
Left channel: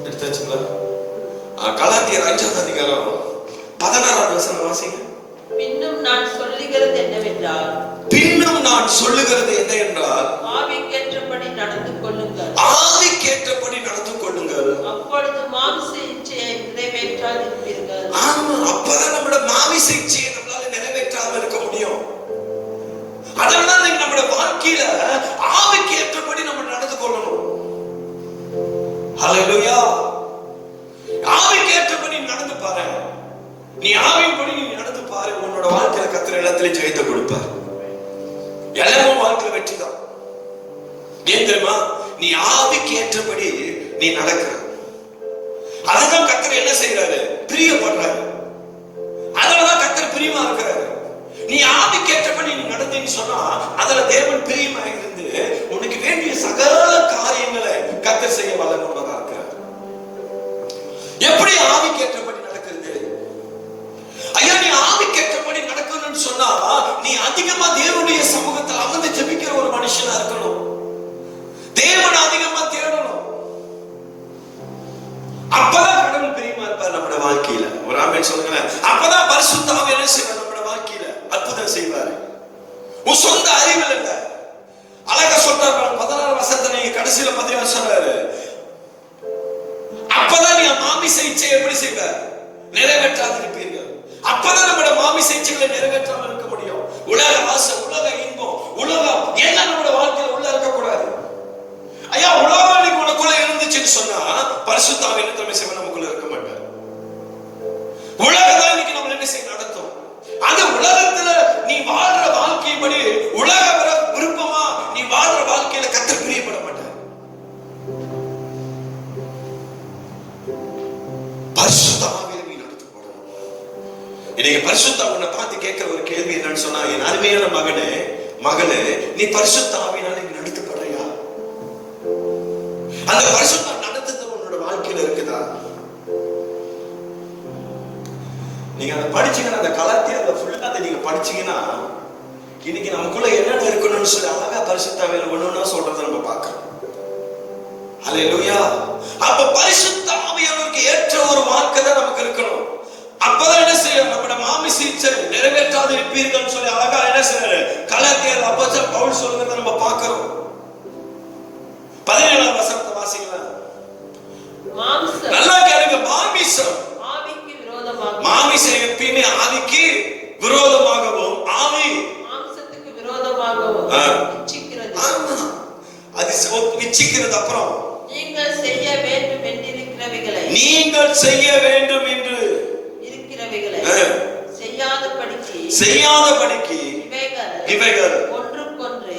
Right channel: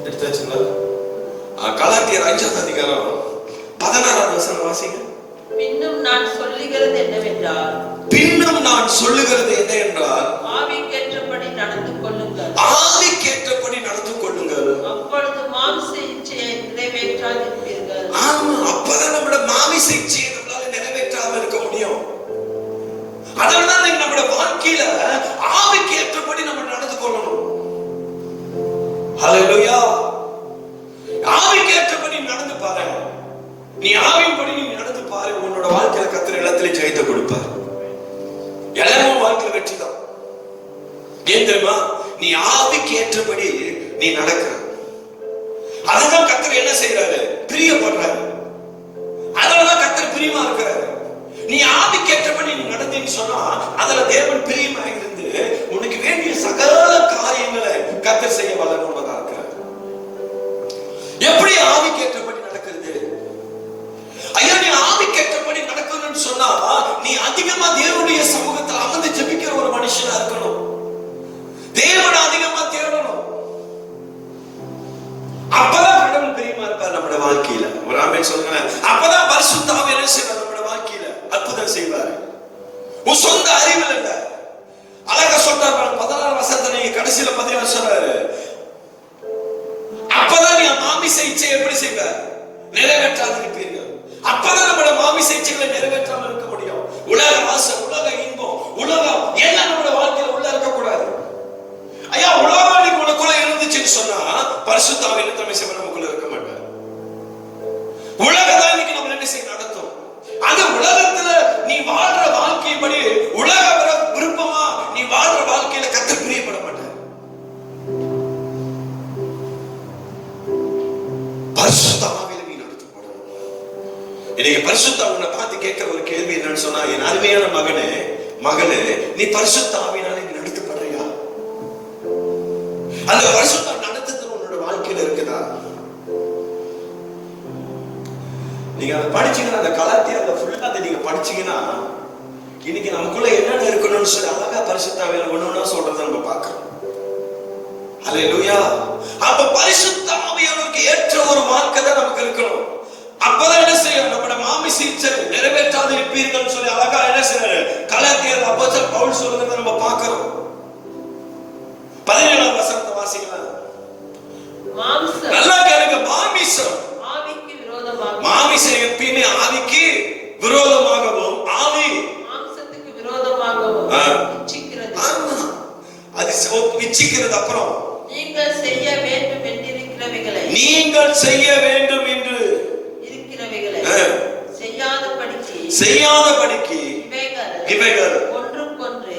எடுத்தாச்சுங்களா? கலாத்தியர் 5ஆம் அதிகாரம் 16ஆம் வசனம் வாசிங்க. பின்னும் நான் சொல்லுகிறது என்னவென்றால், ஆவிக்கேற்றபடி நடந்து கொள்ளுங்கள். ஆவிக்கேற்றபடி நடந்து கொள்ளுங்கள். அப்பொழுது மாம்ச இச்சையை நிறைவேற்றாதிருப்பீர்கள். ஆமா, அப்பதான் நம்மளோட மாமிச இச்சையை நீ நடந்து பாரு, உன்னோட வாழ்க்கையில கர்த்தர் எல்லாத்திலையும் ஜெயத்தை கொடுப்பார். எல்லாரும் வாழ்க்கையில வெற்றிதான். ஏன் தெரியுமா? நீ ஆவிக்கு ஏற்றபடி நீ நடக்கிற. அதான் கர்த்தர் என்ன செய்யறாரு? பிரியப்படுறாரு. அதனாலதான் கர்த்தர் பிரியமா இருக்கிறாரு. நீ ஆவிக்கு ஏற்றபடி நீ நடந்தேன்னு சொன்னா அதுல தேவன் பிரியமா இருந்து உனக்கு வேண்டிய சகல காரியங்களை கர்த்தர் செய்ய வல்லவராக இருக்கிறார். எப்படி ஆவிக்கு ஏற்றபடி நடக்கிறது? ஐயா, நீ ஆவிக்கு ஏற்றபடி நடக்கணும்னு சொன்னா நீ அதிகமா தேவனுடைய சமூகத்தில் அமர்ந்து ஜெபிக்கிற ஒரு மனுஷனா இருக்கணும். தேவனை அதிகமா தேடணும். அப்பதான் கடவுள் பிரியமா இருப்பார் நம்முடைய வாழ்க்கையில. ஒரு ஆமென் சொல்லுங்க. அப்பதான் பரிசுத்த ஆவி என்ன செய்வார்? நம்முடைய வாழ்க்கையில அற்புதம் செய்வார். உன் சொந்த அறிவில் இல்ல. அழகா சொல்றாரு 16 வசனத்துல கடைசியில 16 சொல்றாரு, அப்பதான் நீங்க மாமிச இச்சை எப்படி செய்வார்? நிறைவேற்றாது இருப்பீர்கள். அப்பதான் நம்முடைய மாமிச இச்சைகளை நிறைவேற்றாமல் இருக்க முடியும். உலக ஆசை, உலக இன்பம், உலகம் ஏன்னா நம்முடைய வாழ்க்கையில உள்ள இருக்கக்கூடாது. ஐயா, உலகம் உனக்குள்ள இருந்துச்சுன்னு சொன்னா பரிசுத்த ஆவி என்ன செய்ய நமக்குள்ள இருக்க மாட்டார். உலகதான் இன்னைக்கு நம்ம என்ன செய்ய நடத்தும். அந்த உலகத்துல நீ வாழ்ற வாழ்க்கைப்படி உலக விருப்பமா நீ வாழ்ற வாழ்க்கையில கர்த்தர் பிரியப்பட மாட்டார். பரிசுத்த ஆவியில நீ நடத்தப்படணும். இன்னைக்கு பரிசுத்த ஆவியை பார்த்து கேட்கிற ஒரு கேள்வி என்னன்னு சொன்னா, என் அருமையான மகனே மகளே, நீ பரிசுத்த ஆவியினால நீ நடத்தப்படுறீங்களா? அந்த பரிசுத்த நடத்துறது உன்னோட வாழ்க்கையில இருக்குதா? நீங்க அதை படிச்சீங்கன்னா, அந்த கலாத்தியத்தை ஃபுல்லா அதை நீங்க படிச்சீங்கன்னா இன்னைக்கு நமக்குள்ள என்னென்ன இருக்கணும்னு சொல்லி அழகா பரிசுத்த ஆவியில ஒண்ணொன்னா சொல்றதை நம்ம பார்க்கணும். ஹல்லேலூயா. அப்ப பரிசுத்த ஆவியானவருக்கு ஏற்ற ஒரு வாழ்க்கை தான் நமக்கு இருக்கணும். அப்பதான் என்ன செய்யணும்? நம்முடைய மாமிச இச்சை நிறைவேற்றாது இருப்பீர்கள் சொல்லி அழகா என்ன செய்யணும்? கலாத்தியர் அப்போஸ்தலன் பவுல் சொல்றதை நம்ம பார்க்கிறோம். 17ஆம் வசனத்தை வாசிக்கலாம். நல்லா கேளுங்க. மாமிசம் ஆவிக்கு விரோதமாகவும், மாமிசம் எப்பயுமே ஆவிக்கு விரோதமாகவும், ஆவி மாம்சத்துக்கு விரோதமாகவும் இச்சிக்கிறது. அது இச்சிக்கிறது. அப்புறம் நீங்கள் செய்ய வேண்டும் என்றிருக்கிறவைகளை, நீங்கள் செய்ய வேண்டும் என்று இருக்கிறவைகளை செய்யாதபடிக்கு இவைகள் ஒன்றுக்கொன்று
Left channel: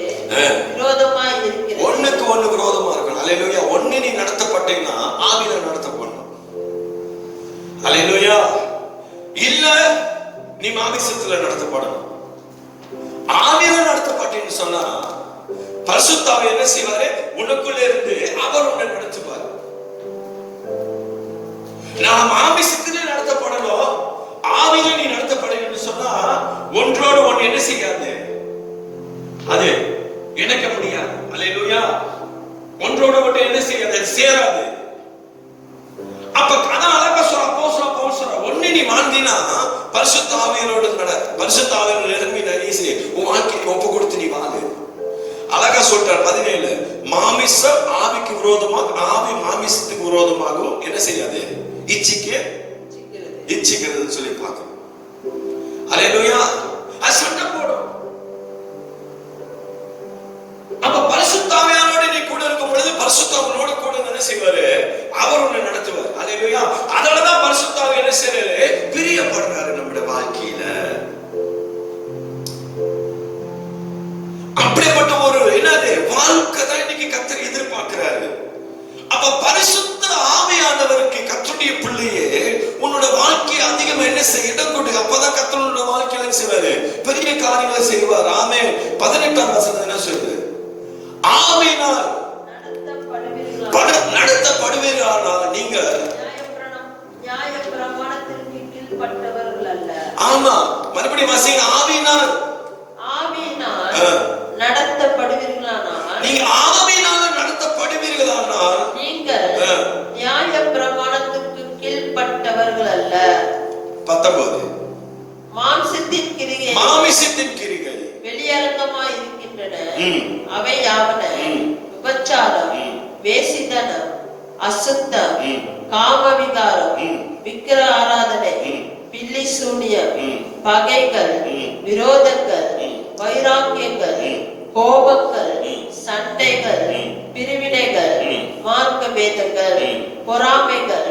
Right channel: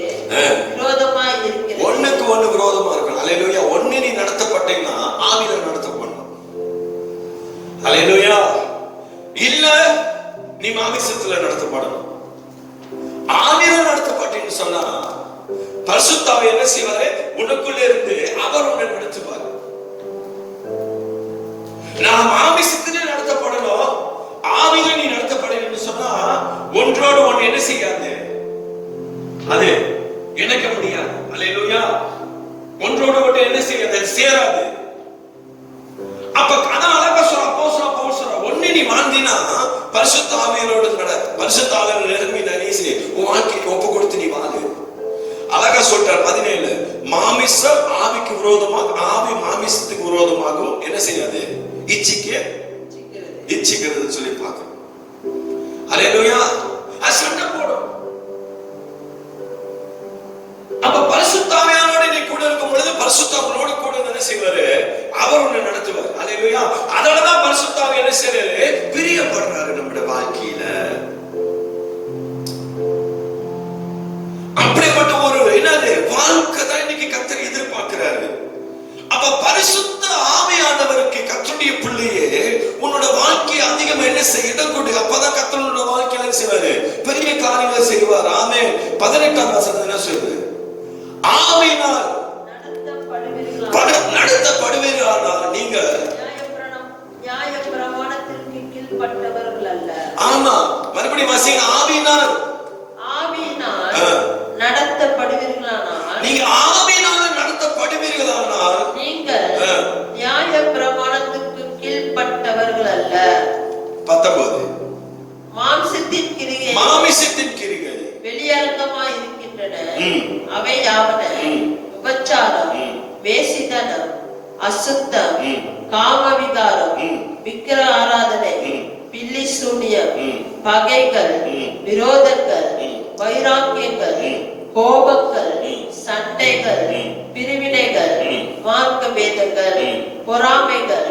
விரோதமாய் இருக்கிறது. ஒண்ணுக்கு ஒண்ணு விரோதமா இருக்கு. அல்லேலூயா. ஒண்ணு நீ நடத்தப்பட்டீங்கன்னா ஆவியில நடத்தப்படணும். அல்லேலூயா. இல்ல நீ மாமிசத்துல நடத்தப்படணும். ஆவியில நடத்தப்பட்டீன்னு சொன்னா பரிசுத்த ஆவி என்ன செய்வாரு? உனக்குள்ள இருந்து அவர் உன்னை நடத்துவார். நான் மாமிசத்திலே நடத்தப்படணும், ஆவியில நீ நடத்தப்படணும்னு சொன்னா ஒன்றோடு ஒன்று என்ன செய்யாது? அது இணைக்க முடியாது. அல்லேலூயா. ஒன்றோடு ஒன்று என்ன செய்யாது? அது சேராது. அப்ப அதான் அழகா சொல்ற அப்போஸ்தலன் பவுல் சொல்ற, ஒண்ணு நீ வாழ்ந்தீனா பரிசுத்த ஆவியோடு நட. பரிசுத்த ஆவியோட நிலைமை நீ உன் வாழ்க்கையை ஒப்பு கொடுத்து நீ வாழு. அழகா சொல்றார் 17, மாமிசம் ஆவிக்கு விரோதமாக, ஆவி மாமிசத்துக்கு விரோதமாகவும் என்ன செய்யாது? இச்சிக்கிறது சொல்லி பார்க்கிறோம். அல்லேலூயா. சண்டை போடும். அப்ப பரிசுத்த ஆவியானோட நீ கூட இருக்கும் பொழுது பரிசுத்த ஆவியோட கூட என்ன செய்வாரு? அவர் உன்னை நடத்துவார். அல்லேலூயா. அதனாலதான் பரிசுத்த ஆவி என்ன செய்யறாரு? பிரியப்படுறாரு நம்முடைய வாழ்க்கையில. அப்படிப்பட்ட ஒரு என்னது வாழ்க்கை தான் இன்னைக்கு கர்த்தர் எதிர்பார்க்கிறாரு. அப்ப பரிசுத்த ஆவியானவருக்கு கர்த்தருடைய பிள்ளையே உன்னோட வாழ்க்கையை அதிகமா என்ன செய்ய இடம் கொடு. அப்பதான் கர்த்தர் உன்னோட வாழ்க்கையில செய்வாரு, பெரிய காரியங்களை செய்வார். ஆமென். 18ஆம் வசனம் என்ன சொல்லுது? ஆவியினால் நடத்தப்படுவீர்களானால் நீங்கள் நியாயப்பிரமாணத்திற்கு கீழ்ப்பட்டவர்கள் அல்ல. ஆமா, மறுபடியும் வாசிங்க. ஆவியினால் நடத்தப்படுவீர்களானால், நீங்க ஆவியினால் நடத்தப்படுவீர்களானால் நீங்கள் நியாயப்பிரமாணத்திற்கு கீழ்ப்பட்டவர்கள் அல்ல. 19 மாம்சத்தின் கிரியை வெளியரங்கமாய் இருக்கின்றன. அவை யாவன: விபச்சாரம், வேசித்தனம், அசுத்தம், காமவிகாரம், விக்கிர ஆராதனை, பில்லி சூனியம், பகைகள், விரோதங்கள், வைராக்கியங்கள், கோபங்கள், சண்டைகள், பிரிவினைகள், மார்க்க பேதங்கள், பொறாமைகள்,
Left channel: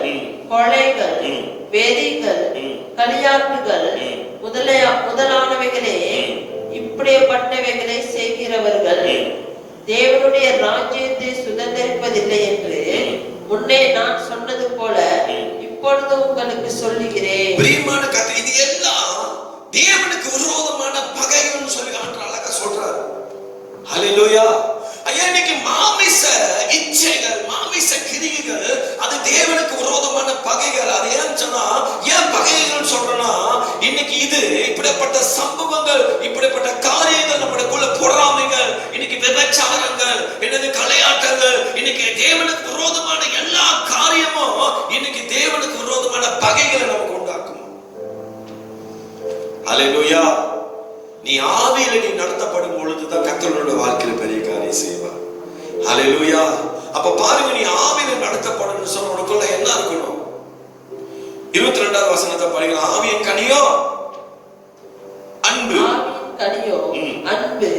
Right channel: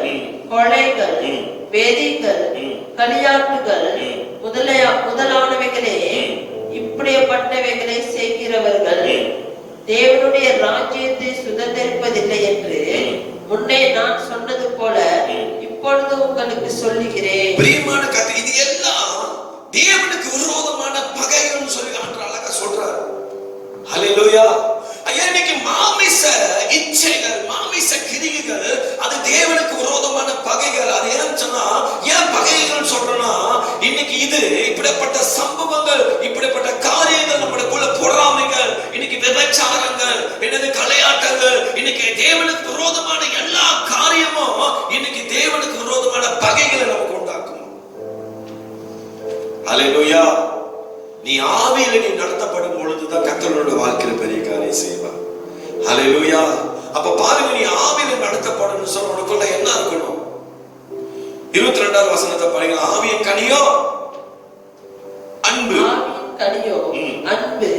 கொலைகள், வேதிகள், களியாட்டுகள் முதலானவைகளே இப்படிப்பட்டவைகளை செய்கிறவர்கள் தேவனுடைய ராஜ்யத்தை சுதந்திரிப்பதில்லை என்று முன்னே நான் சொன்னது போல இப்பொழுது உங்களுக்கு சொல்லுகிறேன். பிரியமான கதை, இது எல்லாம் தேவனுக்கு விரோதமான பகைகள் சொல்லி அழகா சொல்றார். ஹல்லேலூயா. ஐயா, இன்னைக்கு மாமிச இச்சைகள், மாமிச கிரியைகள், அது தேவனுக்கு விரோதமான பகைகள். அது ஏன் சொன்னா, ஏன் பகைகள் சொல்றேன்னா, இன்னைக்கு இது இப்படிப்பட்ட சம்பவங்கள், இப்படிப்பட்ட காரியங்கள், நம்மளுக்குள்ள பொறாமைகள், இன்னைக்கு விபச்சாரங்கள், என்னது கலையாட்டங்கள், இன்னைக்கு தேவனுக்கு விரோதமான எல்லா காரியமும் இன்னைக்கு தேவனுக்கு விரோதமான பகைகளை நமக்கு உண்டாக்கும். ஹல்லேலூயா. நீ ஆவியில நீ நடத்தப்படும் பொழுதுதான் கர்த்தரோட வாழ்க்கையில பெரிய காரியம் செய்வார். ஹல்லேலூயா. அப்ப பாருங்க, நீ ஆவியில நடத்தப்படும் சொன்ன உனக்குள்ள என்ன இருக்கணும்? 22வது வசனத்தை பாருங்க. ஆவியின் கனியோ அன்பு, கனியோ அன்பு,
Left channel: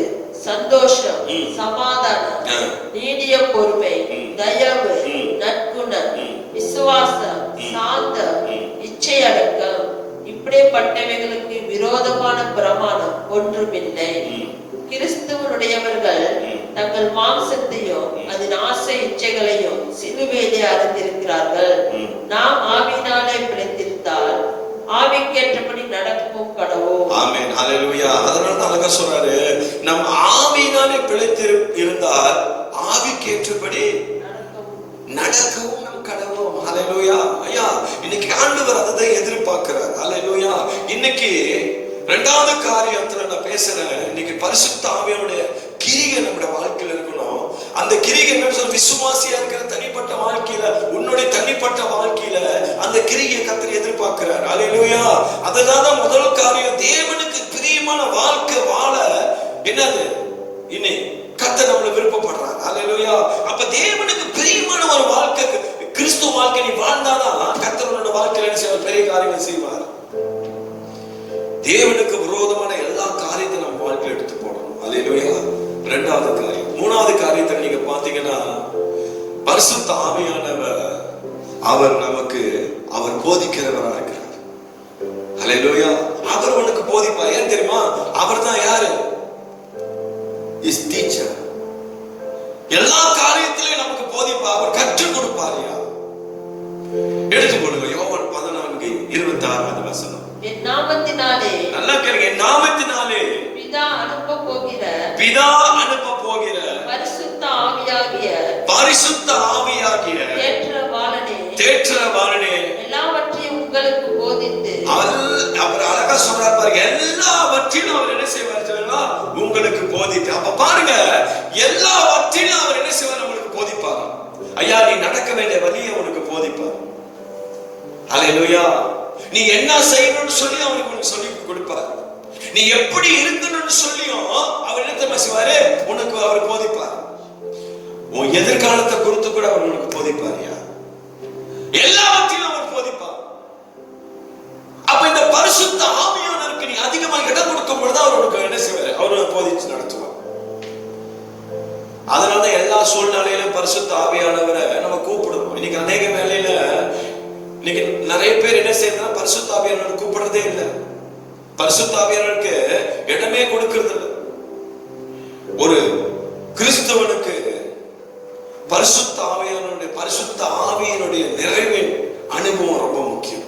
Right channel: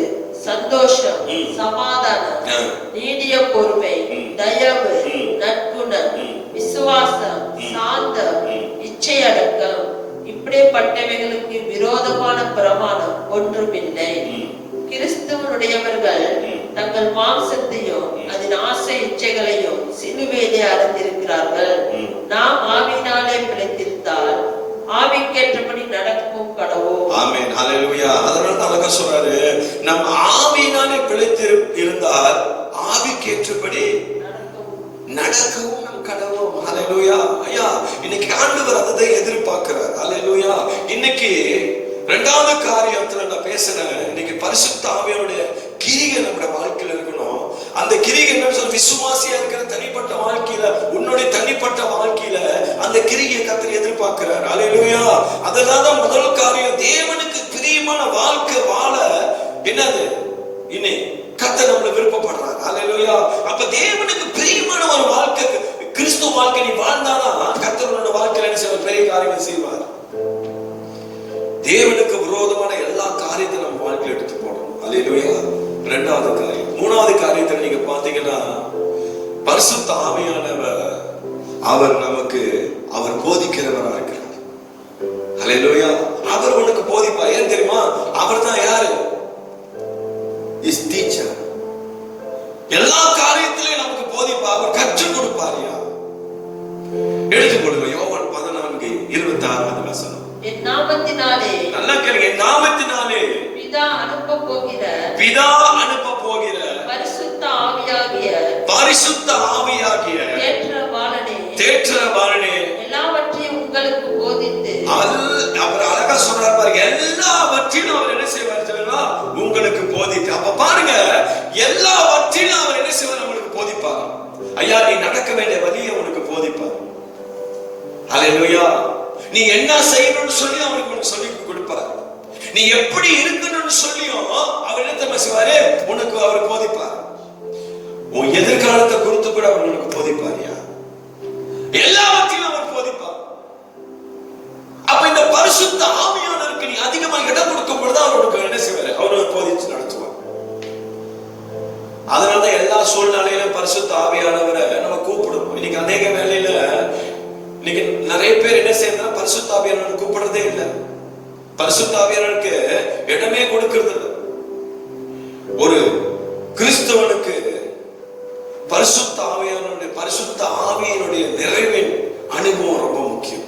சந்தோஷம், சமாதானம், நீடிய பொறுமை, தயவு, நற்குணம், விசுவாசம், சாந்தம், இச்சையடக்கம். இப்படிப்பட்டவைகளுக்கு விரோதமான பிரமாணம் ஒன்றுமில்லை. கிறிஸ்துவனுடையவர்கள் தங்கள் மாம்சத்தையும் அதன் ஆசை இச்சைகளையும் சிலுவையிலே அறிந்திருக்கிறார்கள். நாம் ஆவியினாலே பிழைத்திருந்தால் ஆவிக்கேற்றபடி நடக்கவும் கடவோம். ஆமென். ஹல்லேலூயா. அதனால தான் சொல்றாரு, நம்ம ஆவியினாலே பிழைத்து இருந்தால் ஆவிக்கேற்றபடி நடக்கவும் நம் கடவோம். ஹல்லேலூயா. ஐயா, இன்னைக்கு ஆண்டவர் அதை எதிர்பார்க்கிறார். ஹல்லேலூயா. இன்னைக்கு இரண்டாவது காரியத்துல நான் பேசுறேன். இன்னைக்கு பரிசுத்த ஆவியானுடைய கிரியை நம்முடைய வாழ்க்கையில் இருக்கணும். அந்த கிரியை என்ன, விசுவாசியா இருக்கிற தனிப்பட்ட வாழ்க்கையில, உன்னுடைய தனிப்பட்ட வாழ்க்கையில அந்த கிரியை கர்த்தர் எதிர்பார்க்கிறார். ஹல்லேலூயா. அதனால முதல் காரியம், தேவனுக்கு பிரியமான வாழ்க்கை வாழ என்னது இன்னை கர்த்தர் நம்மள விருப்பப்படுறார். ஹல்லேலூயா. அப்ப தேவனுக்கு பிரியமான ஒரு வாழ்க்கை, கிறிஸ்துவ வாழ்க்கை நீ வாழ்ந்தாதான் கர்த்தரோட வாழ்க்கையில பெரிய காரியங்கள் செய்வார். தேவனுக்கு விரோதமான எல்லா காரியத்தையும் நம்ம வாழ்க்கையில் எடுத்து போடணும். ஹல்லேலூயா. இரண்டாவது காரியம். மூணாவது காரியத்தை நீங்க பாத்தீங்கன்னா, பரிசுத்த ஆவியானவர் அவர் நமக்கு அவர் போதிக்கிறவராக இருக்கிறார். ஹல்லேலூயா. அவர் உனக்கு போதிப்பார். ஏன் தெரியுமா? அவர் தான் யாரு? Is teacher. எல்லா காரியத்திலையும் நமக்கு போதிப்பார். அவர் கற்றுக் கொடுப்பார். எடுத்துக்கொள்ளுங்க. யோவான் 14:26 வசனம். என் நாமத்தினாலே, நல்லா கேளுங்க, என் நாமத்தினாலே பிதா அனுப்ப போகிற பரிசுத்த ஆவியாகிய தேற்றரவாளனே எல்லாவற்றையும் உங்களுக்கு போதித்து, அவர் அழகா சொல்றார் பாருங்க, எல்லாவற்றையும் அவர் என்ன செய்வார்? உங்களுக்கு போதித்து. அப்ப பாருங்க, எல்லாவற்றையும் அவர் என்ன செய்வார்? உங்களுக்கு போதிப்பார். ஐயா, நீ நடக்க வேண்டிய வழியை உனக்கு போதிப்பார். ஹல்லேலூயா. நீ என்ன செய்யணும்னு சொல்லி அவனுக்கு சொல்லி கொடுப்பார். நீ எப்படி இருக்கணும்னு சொல்லியும் அவர் என்ன செய்வாரு? உனக்கு அவர் போதிப்பார். உன் எதிர்காலத்தை குறித்து கூட அவர் உனக்கு போதிப்பார். எல்லாவற்றையும் அவர் போதிப்பார். அப்ப இந்த பரிசுத்த ஆவியானவருக்கு நீ அதிகமா இடம் கொடுக்கும் பொழுது அவர் உனக்கு என்ன செய்வாரு? அவர் போதிச்சு நடத்துவார். அதனால எல்லா சூழ்நிலையிலும் பரிசுத்த ஆவியானவரை நம்ம கூப்பிடுவோம். இன்னைக்கு அநேக வேலையில இன்னைக்கு நிறைய பேர் என்ன செய்யறாங்க? பரிசுத்த ஆவியானவரை கூப்பிடுறதே இல்லை. பரிசுத்த ஆவியானவருக்கு இடமே கொடுக்கிறது இல்லை. ஒரு கிறிஸ்தவனுக்கு பரிசுத்த ஆவியினுடைய நிறைவின் அனுபவம் ரொம்ப முக்கியம்.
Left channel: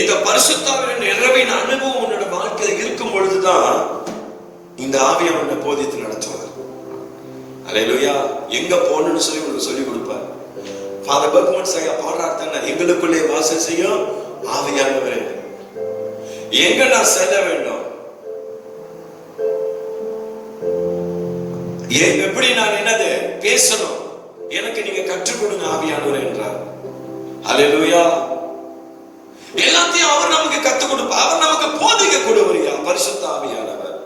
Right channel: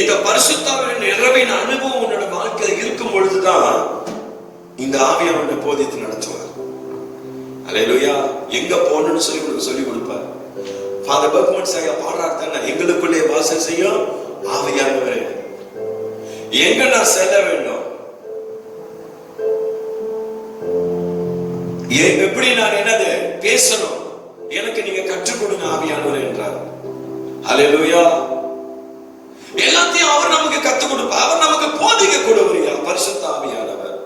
இந்த பரிசுத்த ஆவியின் நிறைவின் அனுபவம் உன்னோட வாழ்க்கையில் இருக்கும் பொழுதுதான் இந்த ஆவியானவரை போதித்து நடத்துவார். ஹல்லேலூயா. எங்க போகணும்னு சொல்லி உங்களுக்கு சொல்லி கொடுப்பார். ஃபாதர் பர்க்மன் ஐயா பாடுறாருன்னா, எங்களுக்குள்ளே வாசம் செய்யும் ஆவியானவரே, எங்க நான் செல்ல வேண்டும், எப்படி நான் என்னது பேசணும், எனக்கு நீங்க கற்றுக் கொடுங்க ஆவியானவரே என்றார். ஹல்லேலூயா. எல்லாத்தையும் அவர் நமக்கு கற்றுக் கொடுப்பார். அவர் நமக்கு போதிக்க கொடுவரியா பரிசுத்த ஆவியானவர்.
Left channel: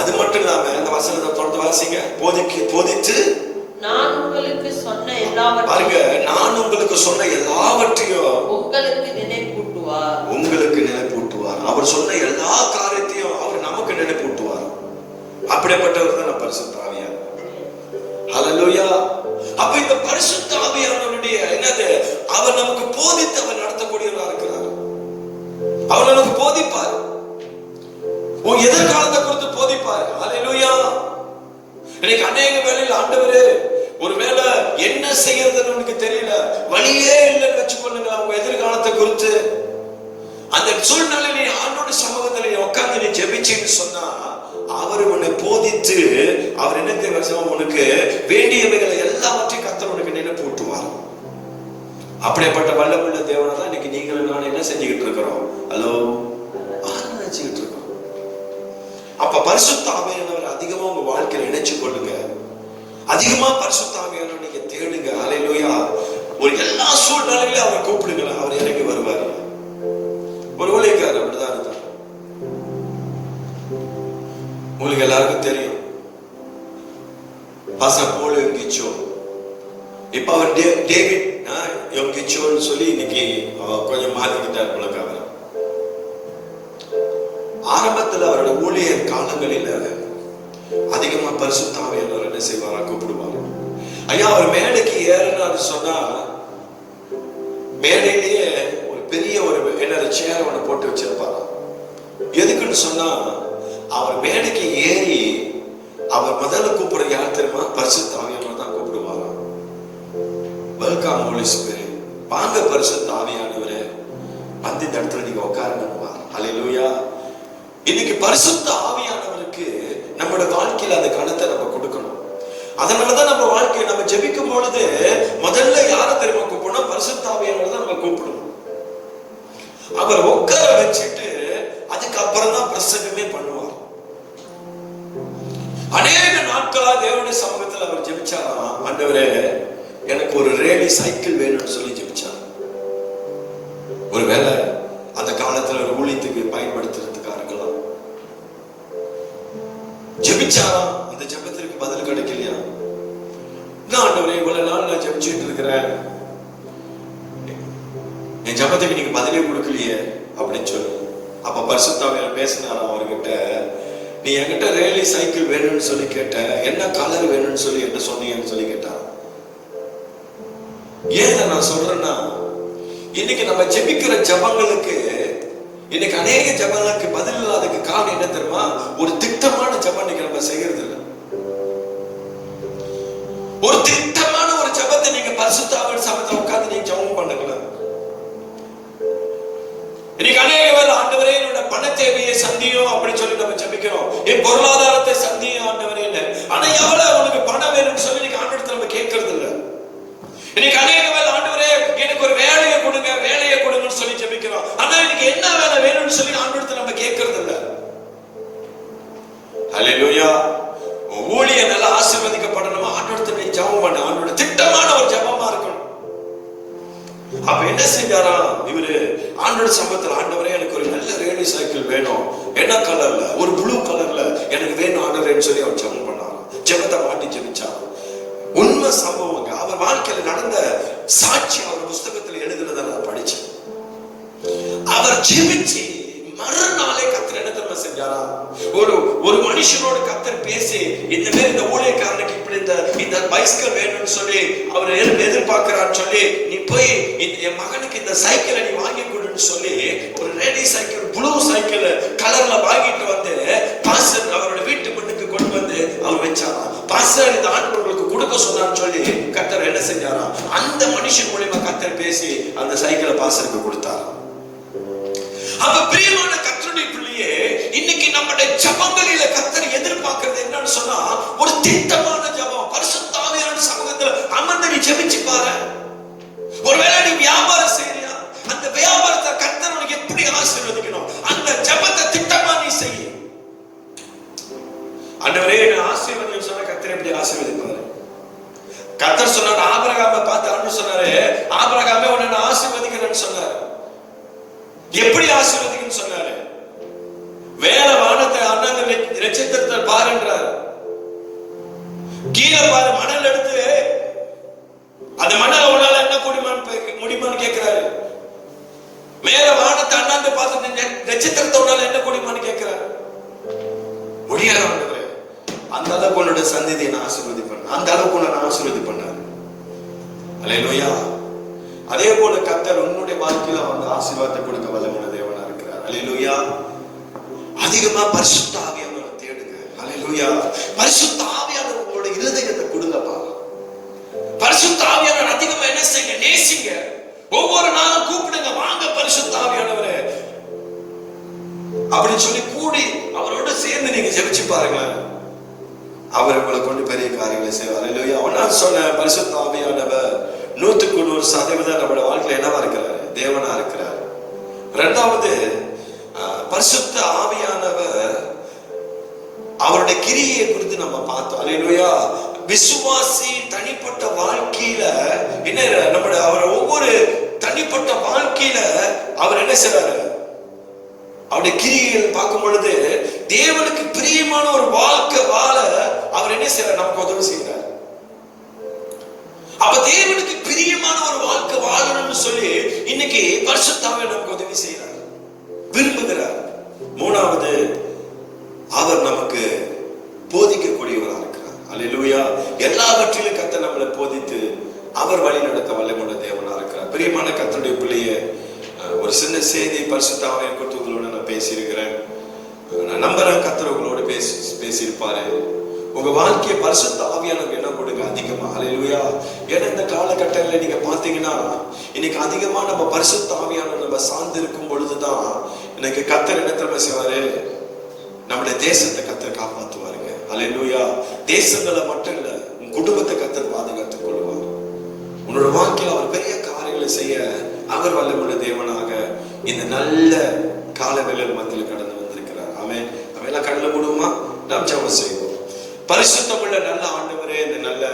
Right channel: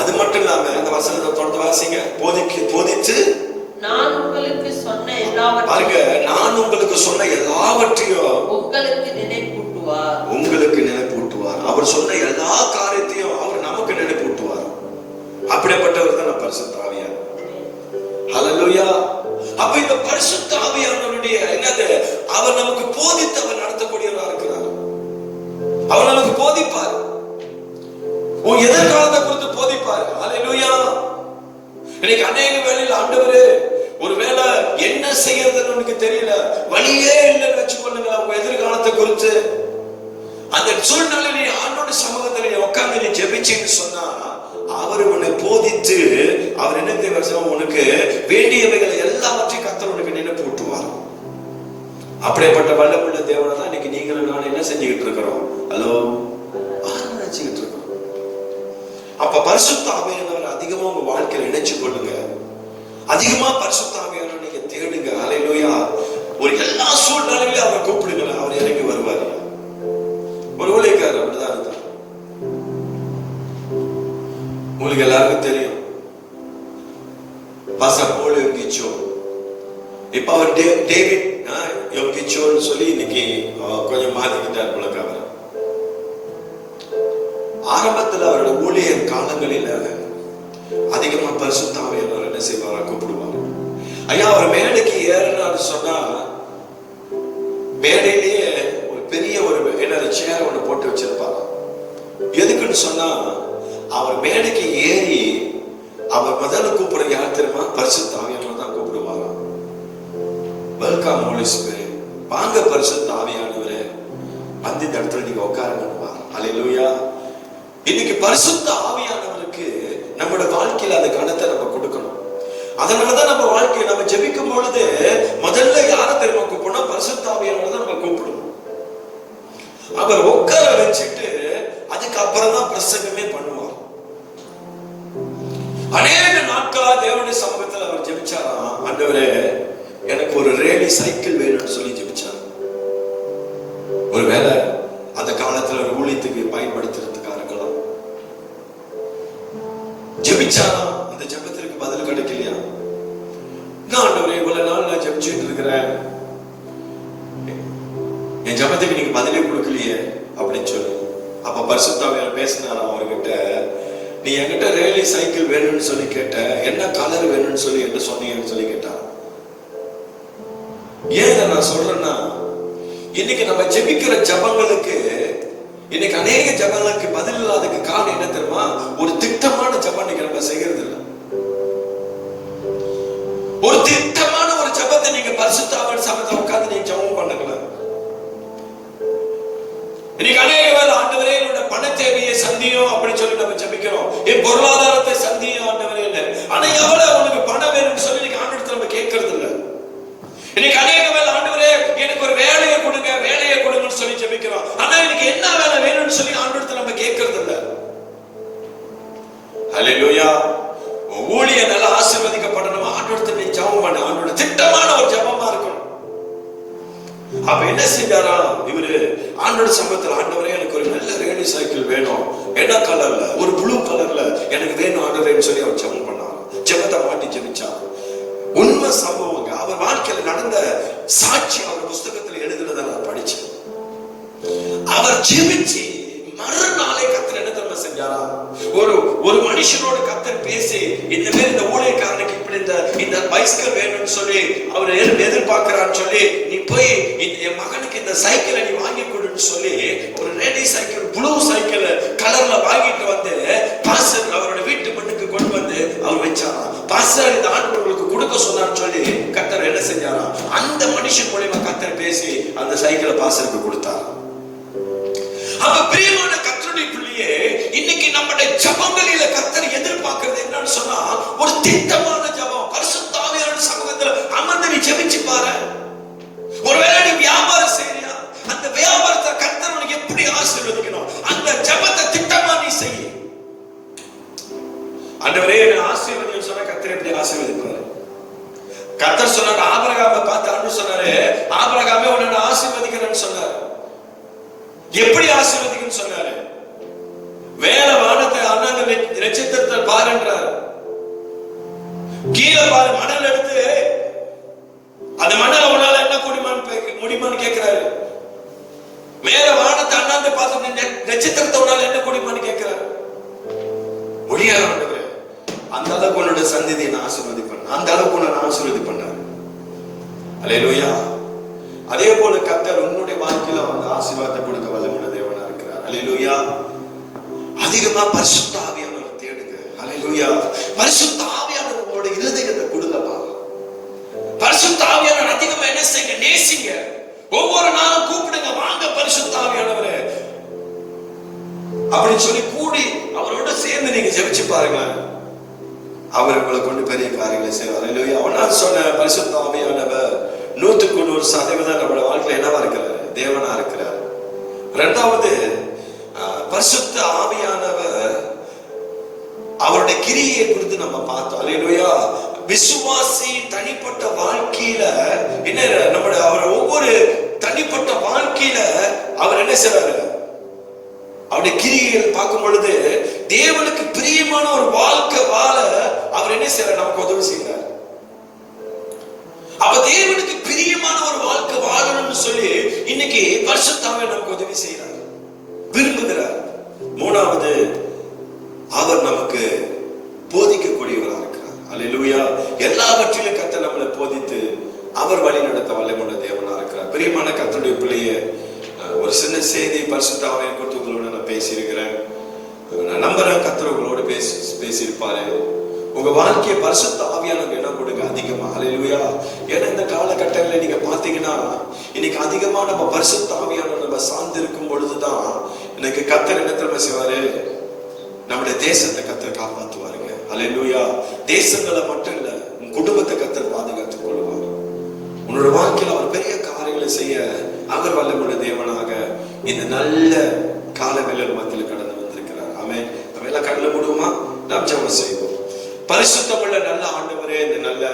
அது மட்டும் இல்லாம இந்த வசனத்தை தொடர்ந்து வாசிங்க. போதிச்சு நான் உங்களுக்கு சொன்ன எல்லாவற்றையும் உங்களுக்கு சொன்ன எல்லாவற்றையும் உங்களுக்கு நினைப்பூட்டுவார். சூழ்நிலையிலே ஆண்டோட சமூகத்திலே உட்கார்ந்து நீ ஜெபிச்சேன்னு சொன்னா அவர் உன்னை போதித்து அவர் என்ன தேவை உனக்கு வேண்டியவைகளை எல்லாவற்றையும் கர்த்தர் உனக்கு நினைப்பு ஊட்டுவார். அப்படிப்பட்ட வல்லமுள்ள தேவனை தான் இன்னைக்கு நீங்களும் நான் என்ன செஞ்சுக்கிட்டு இருக்கிறோம்? ஹலோ, நினைச்சுக்கிட்டு இருக்கோம். அப்ப பரிசுத்த ஆவியானவரை அதிகமா உங்க வாழ்க்கையில இணைச்சு கொள்ளுங்க. அதிகமா பரிசுத்த ஆவியானவரை நீங்க தேடுங்க. அல்லேலூயா. ஒரு எல்லா சூழ்நிலையிலும் அவரை கூப்பிடுங்க, அவர் இறங்கி வருவார். ஒரு ஊழியக்காரர் அப்படிதான் இருந்தார். உங்களுக்கு எல்லாருக்கும் தெரியும் பாஸ்டர் போல் யோகிச்சோ. இப்ப அவர் டேவிட் யோகிச்சோன்னு சொல்லி இன்னைக்கு கொஞ்சம் மாத்திக்கிட்டார் பழக்கம். ஆரம்பத்தில் அவருடைய ஊழியர் காலங்களில் அதிகமா பரிசுத்த ஆவியானவர் என்ன செய்வாரா கூப்பிடுவார். ஐயா அவர் மேடைக்கு ஏறணும்னு சொன்னா மேடையிலேயே ஒரு பெரிய ஒரு சேர் ஒன்று போட்டு வச்சிருப்பாங்க. எதுக்குன்னு சொன்னா அவர் மேடைக்கு ஏறி அவர் முதல்ல கூப்பிடுற யார் தெரியுமா? பரிசுத்த ஆவியானவர் தான் கூப்பிடுவார். வெல்கம் ஹோலி ஸ்பிரிட், வாங்க பரிசுத்த ஆவியானவரே, அந்த இடத்துல நீங்க உட்காருங்க. அல்லேலூயா. இன்னைக்கு பரிசுத்த ஆவியானவருக்கு நம்மளோட வாழ்க்கையில அந்த கணத்தை நம்ம கொடுக்கணும். அதனாலதான் நம்ம வாழ்க்கையை நம்ம ஜெபிக்கும் பொழுது முதல்ல யாரை தெரியுமா கூப்பிடணும்? பரிசுத்த ஆவியானவர் தான் நம்ம கூப்பிடணும். அவர் உட்கார வச்சுட்டு அதுக்கப்புறம் தான் பிரசங்கமே பண்ணுவார். அநேக நாட்களா தேவனுடைய சமூகத்தில் அவர் ஜெபிச்சாரா, ஆண்டவரே எனக்கு ஒரு ரேடி சைக்கிள் வேணும்னு சொல்லி ஜெபிச்சார். ஒருவேளை அந்த காலத்துல ஒரு ஊழியத்துக்கு பயன்படுத்துறதுக்காக இருக்கலாம். ஜெபிச்சாரா, அந்த ஜெபத்திற்கு பதில் கிடைக்கலையா? நான் ஆண்டவரே இவ்வளவு நாள் நான் ஜெபிச்சுட்டு இருக்கிறேன், என் ஜெபத்துக்கு நீங்க பதிலே கொடுக்கலையே அப்படின்னு சொல்லி அப்ப பரிசுத்த ஆவியானவர் பேசினாரா அவர்கிட்ட, நீ என்கிட்ட ரேலி சைக்கிள் வேணும்னு சொல்லி கேட்ட, என்ன கலர் வேணும்னு சொல்லி என்ன சொன்னீங்கன்னு சொல்லி கேட்டா. ஏன் நான் சொல்றேன்னா இன்னைக்கு நம்ம ஜெபிக்கிற ஜபங்களுக்கு இன்னைக்கு அநேக ஜபங்களுக்கு பதில் இல்லாததுக்கு காரணம் என்ன தெரியுமா? ஒரு திட்டமான ஜபம் இன்னைக்கு நம்ம செய்யறது இல்லை. ஒரு திட்டமான ஒரு ஜபத்தை நீங்க பரிசுத்த ஆவியானவர் சமூகத்துல உட்கார்ந்து நீங்க ஜபம் பண்ணல. இன்னைக்கு அநேக பேர் ஆண்டவரே என்னோட பண தேவையை சந்தியும் அப்படின்னு சொல்லி நம்ம ஜபிக்கிறோம். என் பொருளாதாரத்தை சந்தியும் ஆண்டவரே இல்லை. ஆனா எவ்வளவு உனக்கு பணம் வேணும்னு சொல்லி இன்னைக்கு ஆண்டவரத்தை நம்ம கேட்கறது இல்லை. இன்னைக்கு அநேக பேர் ஆண்டவரே எனக்கு ஒரு வேலையை கொடுங்க, வேலையை கொடுங்கன்னு சொல்லி ஜபிக்கிறோம். ஆனா எனக்கு என்ன வேலை வேணும்னு சொல்லி ஆண்டவரத்தை நம்ம கேட்கறது இல்லை. அல்லேலூயா. ஊழியர் நல்லா ஆசீர்வதிக்கப்படணும், ஆண்டவரத்தை நீ ஜெபம் பண்ண, ஆண்டவரோட திட்டமான ஒரு ஜெபமா இருக்கணும். அப்ப என்ன செஞ்சாரா இவரு? ஆண்டோட சமூகத்தில் ஆண்டவரே எனக்கு ஒரு நல்ல ரேலி சைக்கிள் வேணும், என்ன கலர்ல, ஒரு ப்ளூ கலர்ல எனக்கு வேணும் ஆண்டவரேன்னு சொல்லி அவர் ஜெபம் பண்ணார். ஜெபத்தை மாட்டி ஜெபிச்சார். உண்மை சம்பவங்க, அவர் வாழ்க்கையில் நடந்த சாட்சி அவர் புஸ்தகத்தில் எழுதுனதை நான் படிச்சேன். அவர் ஜெபிச்சு மறுநாளே கர்த்தர் என்ன தெரியுமா செஞ்சாரா? ஒரு மனுஷனோட கர்த்தர் பேசி இந்த பேர் இந்த ஊழியக்காரனுக்கு இப்படி இந்த பைஸ்கல் வேணும்னு சொல்லி அவர் எதிர்பார்க்கிறான்னு சொல்லி, நீ போய் என் மகனுக்கு இந்த சைக்கிளை நீ வாங்கி கொடுன்னு சொல்லி ஒரு ரேடி சைக்கிள் ப்ளூ சைக்கிள் கலர்ல வாங்கிட்டு வந்து பாஸ்டர் அவரோட வீட்டு மண்ணுக்கு கொண்டு வந்து அவர் வச்சாரா. பாஸ்டர் இந்த ஆண்டவர்களுக்கு கொடுக்க சொன்னான்னு சொல்லி கர்த்தர் என்ன செஞ்சாரா? அந்த மனுஷன் மூலியமா கர்த்தர் பேசி அந்த சைக்கிளை பாஸ்டருக்கு கொடுத்தார். அப்ப பிரியமான கர்த்தருடைய பிள்ளையே, இன்னைக்கு நம்முடைய ஜெபங்களில கர்த்தர் எதிர்பார்க்கிறது என்னன்னு சொன்னா ஒரு திட்டமான ஜெபம். பரிசுத்த ஆவியானவர் சமூகத்துல அமர்ந்து நீ ஜெபிச்சு பாரு. ஒருவேளை நீ வியாபாரம் செய்யறியா, அந்த வியாபாரத்தை கர்த்தர் உனக்கு எப்படி ஆசீர்வதிக்கணும், அந்த ஜெபத்தை திட்டமா நீ செய். ஆண்டவரே என்னை ஆசீர்வதின்னு சொன்னா கர்த்தர் எப்படி ஆசீர்வதிப்பாரு? கர்த்தர் சொன்னாரு, ஆபிரகாமை பார்த்து ஆண்டு சொன்னாரு, ஆபிரகாமே உன்னை ஆசீர்வதிக்கிறேன்னு சொன்னாரு. எப்படி ஆசீர்வதிக்குன்னு சொன்னாரு? வேலை வானத்தை அண்ணாங்க நட்சத்திரத்தில் பாருன்றார். கீழே பாரு, மணல் எடுத்து அந்த மணல் உன்னால என்ன முடியுமான்னு கேட்கிறாரு. மேல வானத்தை அண்ணாந்து பார்த்து நட்சத்திரத்தை உன்னால என்ன முடியுமான்னு கேட்கிறாரு. முடியாது. அந்த அளவுக்கு உன்னோட சந்ததியை நான் ஆசீர்வதி பண்ண, அந்த அளவுக்கு நான் ஆசீர்வதி பண்ண. அல்லேலூயா. அதே போல கர்த்தர் உன்னுடைய வாழ்க்கையில வந்து ஆசீர்வாதத்தை கொடுக்க வல்லமுள்ள தேவனா இருக்கிறார். அல்லேலூயா. அதிகமா பரிசுத்த ஆவியானவரை தேடுங்க. அல்லேலூயா. பரிசுத்த ஆவியானவரோட இருதயத்தை கொடுங்கப்பா. பரிசுத்த ஆவியானவர் அதிகமா என்ன செய்யுங்க? நேசிங்க. ஒவ்வொரு நாளும் கூப்பிடுங்க, வாங்க பரிசுத்த ஆவியானவரே. என்ன செய்வார்? அல்லேலூயா. நான் சொன்ன பரிசுத்த ஆவியானவர் 100% நம்மளோட வாழ்க்கையில என்னவா இருக்கிறார்? தேவனா இருக்கிறார். இரண்டாவது, பரிசுத்த ஆவியானவர் அவருடைய கிரியை குறித்து நம்ம பார்த்தோம். அல்லேலூயா. விசுவாசி தனிப்பட்ட வாழ்க்கையில என்ன நம்முடைய அவர் ஒவ்வொரு தனிப்பட்ட வாழ்க்கையில அவர் என்ன செய்றாரு? அவருடைய கிரியை பார்க்கும் பொழுது தேவனுக்கு பிரியமான ஒரு வாழ்க்கை வாழ அவர் என்ன செய்யறார்? நமக்கு உதவி செய்யறார். அப்ப தேவனுக்கு பிரியமான ஒரு வாழ்க்கை வாழணும்னு சொல்லி இன்னைக்கு பரிசுத்த ஆவியானவர் நமக்கு உதவி செய்யறார், விரும்புகிறார். மூணாவது, அவர் நமக்கு போதிக்கக்கூடியவராக இருக்கிறார். அல்லேலூயா. எல்லாவற்றிலும் கர்த்தர் நம்மளை போதித்து அவர் வழி நடத்த வல்லமையுள்ள தேவனா இருக்கிறார். பிரியமான கர்த்தருடைய பிள்ளைய ஒரு சின்ன செய்தி பரிசுத்த ஆவியானவர் குறித்து உங்களோட நான் பேசியிருக்கிறேன். நான் நம்புறேன் கர்த்தர் உங்களோட பேசியிருப்பாரு. உங்க வாழ்க்கையை பரிசுத்த ஆவியானவர் இடம் கொடுங்க அதிகமா. அல்லேலூயா. ஏன்னா இந்த காலகட்டங்களில் நீங்க பாத்தீங்கன்னா இன்னைக்கு அதிகமா நம்ம பரிசுத்த ஆவியானவர் நம்ம சார்ந்து இருக்கும் பொழுதுதான் இன்னைக்கு கர்த்தர் என்ன தெரியுமா செய்வாரு? நம்முடைய தேசத்தை கர்த்தர் காப்பாற்றுவாருங்க. அல்லேலூயா. தேசங்களை மட்டும் இல்ல, உன் குடும்பத்தை கர்த்தர் பாதுகாத்துக் கொள்வார். உன்னோட வாழ்க்கையில அவர் பெரிய காரியங்களை செய்ய அவர் வல்லமையுள்ள தேவனாக இந்த நல்ல காலவேளையில் மத்தியில் கடந்து வந்திருக்கிறார். ஆமென். நம்ம எல்லாம் கண்ணில் விடுவோமா? நாம் ஜெபம் செய்வோம். பரிசுத்தமுள்ள நல்ல ஆண்டவரே, இந்த நல்ல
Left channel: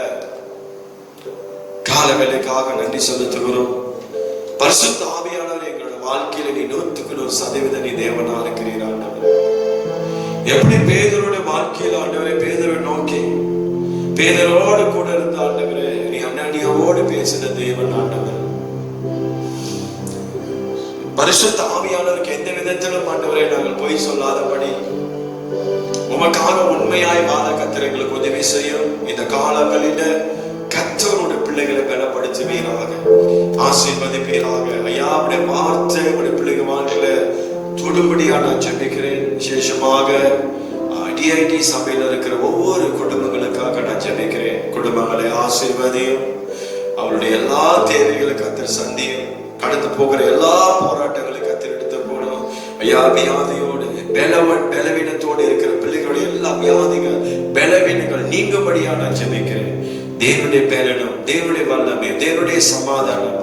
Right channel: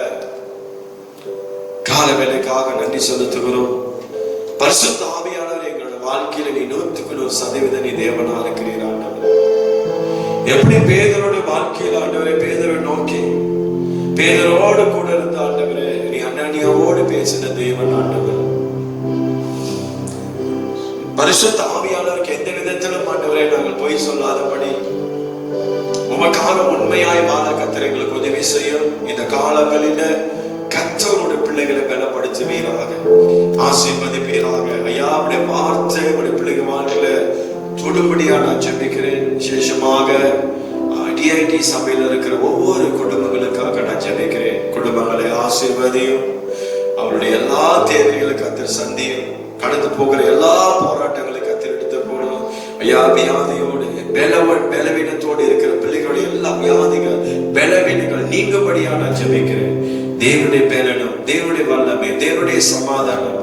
காலவேளைக்காக நன்றி செலுத்துகிறோம். பரிசுத்த ஆவியானவர் எங்களோட வாழ்க்கையில நீ 100% நீ தேவனா இருக்கிறீர் ஆண்டவர். எப்படி பேதரோட வாழ்க்கையில் ஆண்டவரே, பேதரை நோக்கி பேதரோடு கூட இருந்த ஆண்டவரே, நீ அண்ணனியோடு பேசின தேவன் ஆண்டவர். பரிசுத்த ஆவியானவருக்கு எந்த விதத்திலும் ஆண்டவரே நாங்கள் பொய் சொல்லாதபடி உமக்காக உண்மையாய் வாழ கர்த்தர் எங்களுக்கு உதவி செய்யும். இந்த காலங்களில் கர்த்தருடைய பிள்ளைகளை பலப்படுத்துவீராக, ஆசீர்வதிப்பீராக. ஐயா, உடைய வார்த்தை உடைய பிள்ளைகள் வாழ்க்கையில தொடுபடியாக நான் ஜெபிக்கிறேன். விசேஷமாக டிஐடி சபையில் இருக்கிற ஒவ்வொரு குடும்பங்களுக்காக நான் ஜெபிக்கிறேன். குடும்பங்களை ஆசீர்வதியும், அவருடைய எல்லா தேவைகளை கர்த்தர் சந்தியும், கடந்து போகிற எல்லா போராட்டங்களை கர்த்தர் எடுத்து போகணும். ஐயா, வியாதியோடு பலவீனத்தோடு இருக்கிற பிள்ளைகளுடைய எல்லா வியாதிகள் பலவீனங்கள் நீங்கும்படியா நான் ஜெபிக்கிறேன். தேவனுடைய பேலனும், தேவனுடைய வல்லமை, தேவனுடைய சமாதானம்,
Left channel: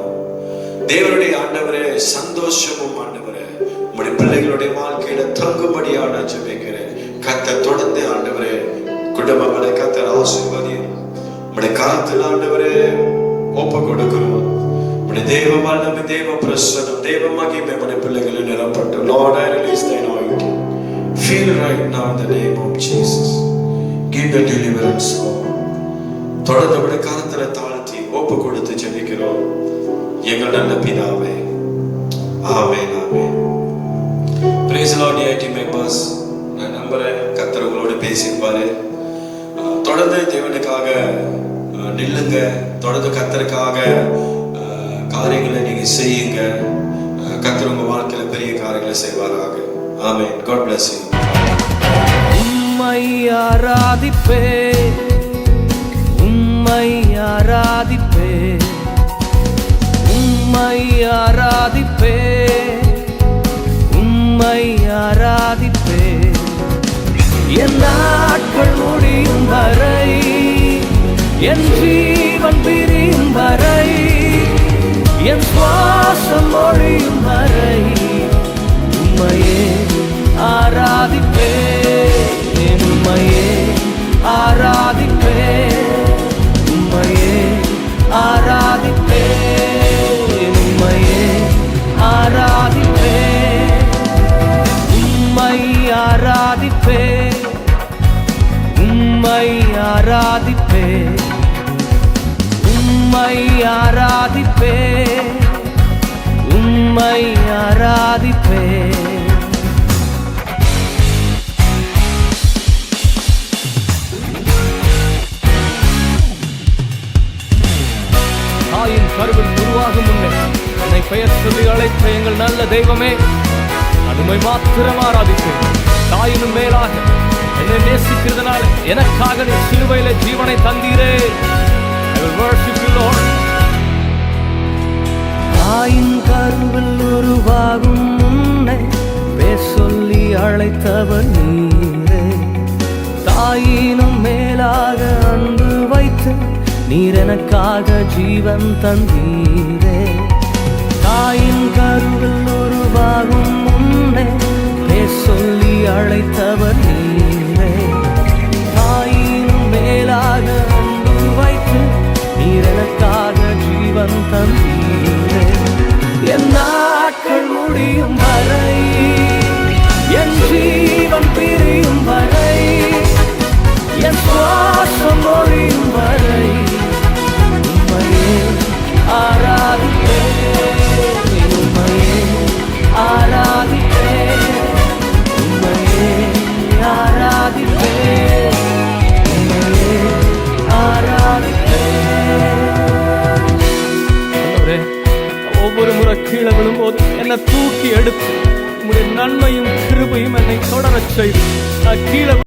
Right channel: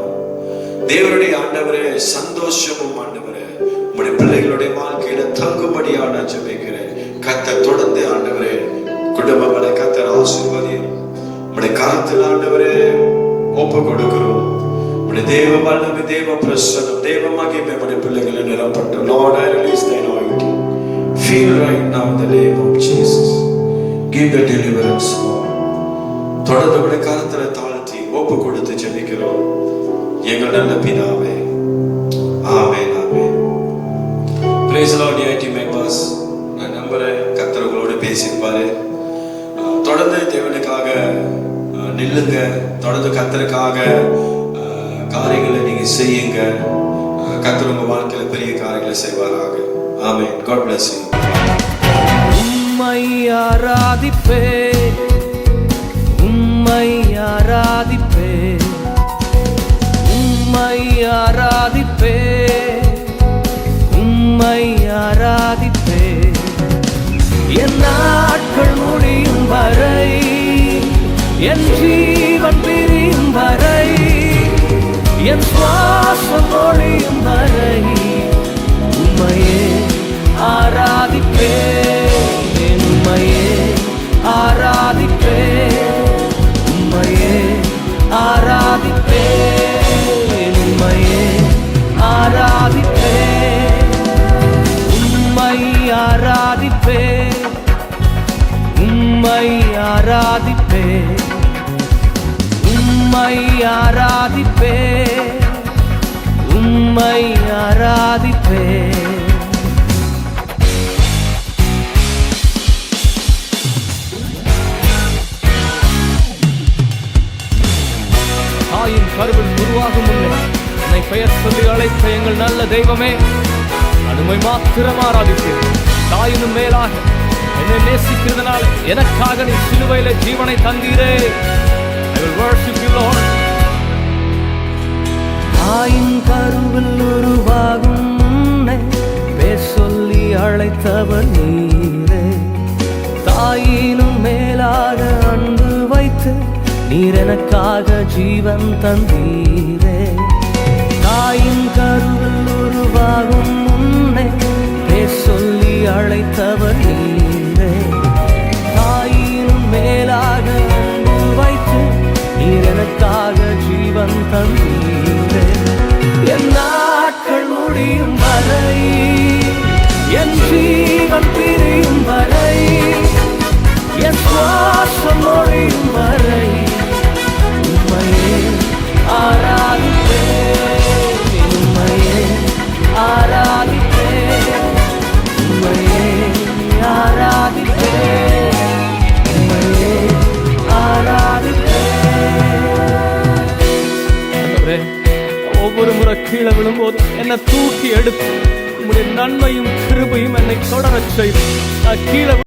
தேவனுடைய ஆண்டவரே சந்தோஷமும் ஆண்டவரே உங்களுடைய பிள்ளைகளுடைய வாழ்க்கையில தங்கும்படியா நான் ஜெபிக்கிறேன். கர்த்தர் தொடர்ந்து ஆண்டவரே குடும்பங்களை கர்த்தர் ஆசீர்வதியும். உங்களுடைய கரத்தில் ஆண்டவரே ஒப்பு கொடுக்கிறோம். உங்களுடைய தேவ வல்லமை, தேவ பிரசன்னம், தேவ மகிமை உங்களுடைய பிள்ளைகளை நிரப்பட்டு. Lord, I release thy anointing. Feel right now in the name of Jesus. Give the deliverance, Lord. தொடர்ந்து உங்களுடைய கரத்துல தாழ்த்தி ஒப்பு கொடுத்து ஜெபிக்கிறோம் எங்கள் நல்ல பிதாவே. ஆமென், ஆமென். Praise the Lord, DIT members. நான் நம்புறேன் கர்த்தர் உங்களோடு பேசியிருப்பாரு. தொடர்ந்து தேவனுக்காக நில்லுங்க. தொடர்ந்து கர்த்தருக்காக காரியங்களை நீங்க செய்யுங்க. கர்த்தர் உங்க வாழ்க்கையில பெரிய காரியங்களை செய்வாராக. ஆமென். God bless you. உம்மை ஆராதிப்பே, உம்மை ஆராதிப்பே, உம்மை ஆராதிப்பே, உம்மை ஆராதிப்பே. என் நாட்கள் முடியும் வரை, என் ஜீவன் பிரியும் வரை, என் சுவாசம் ஒழியும் வரை உம்மையே ஆராதிப்பேன், உம்மையே ஆராதிப்பேன், உம்மையே ஆராதிப்பேன், உம்மையே ஆராதிப்பேன், உம்மை ஆராதிப்பேன், உம்மை ஆராதிப்பேன், உம்மை ஆராதிப்பேன், உம்மை ஆராதிப்பேன். தாயின் கருவில் உருவாகும் முன்னே என்னை பெயர் சொல்லி அழைத்த எங்கள் நல்ல தெய்வமே, அதுமை மாத்திரம் ஆராதிப்பேன். தாயினும் மேலாக என்னை நேசிக்கிறதுனால எனக்காக நீ சிலுவையில ஜீவனை தந்தீரே. I will worship you, Lord. தாயின் கருவில் உருவாகும் முன்னே பேர் சொல்லி அழைத்தவர் நீரே. தாயினும் மேலாக அன்பு வைத்து நீர் எனக்காக ஜீவன் தந்தீரே. தாயின் கருவில் உருவாகும் முன்னே பேர் சொல்லி அழைத்தவர் நீரே. தாயினும் மேலாக அன்பு வைத்து நீர் எனக்காக ஜீவன் தந்தீரே. என் நாட்கள் முடியும் வரை, என் ஜீவன் பிரியும் வரை, என் சுவாசம் ஒழியும் வரை உம்மையே ஆராதிப்பேன், உம்மையே ஆராதிப்பேன், உம்மையே ஆராதிப்பேன், உம்மையே ஆராதிப்பேன். ஆண்டவரே, ஒவ்வொரு முறை கீழே விழும்போது என்னை தூக்கி எடுத்து உம்முடைய நன்மையும் கிருபையும் என்னை தொடரச் செய்து நான் கீழே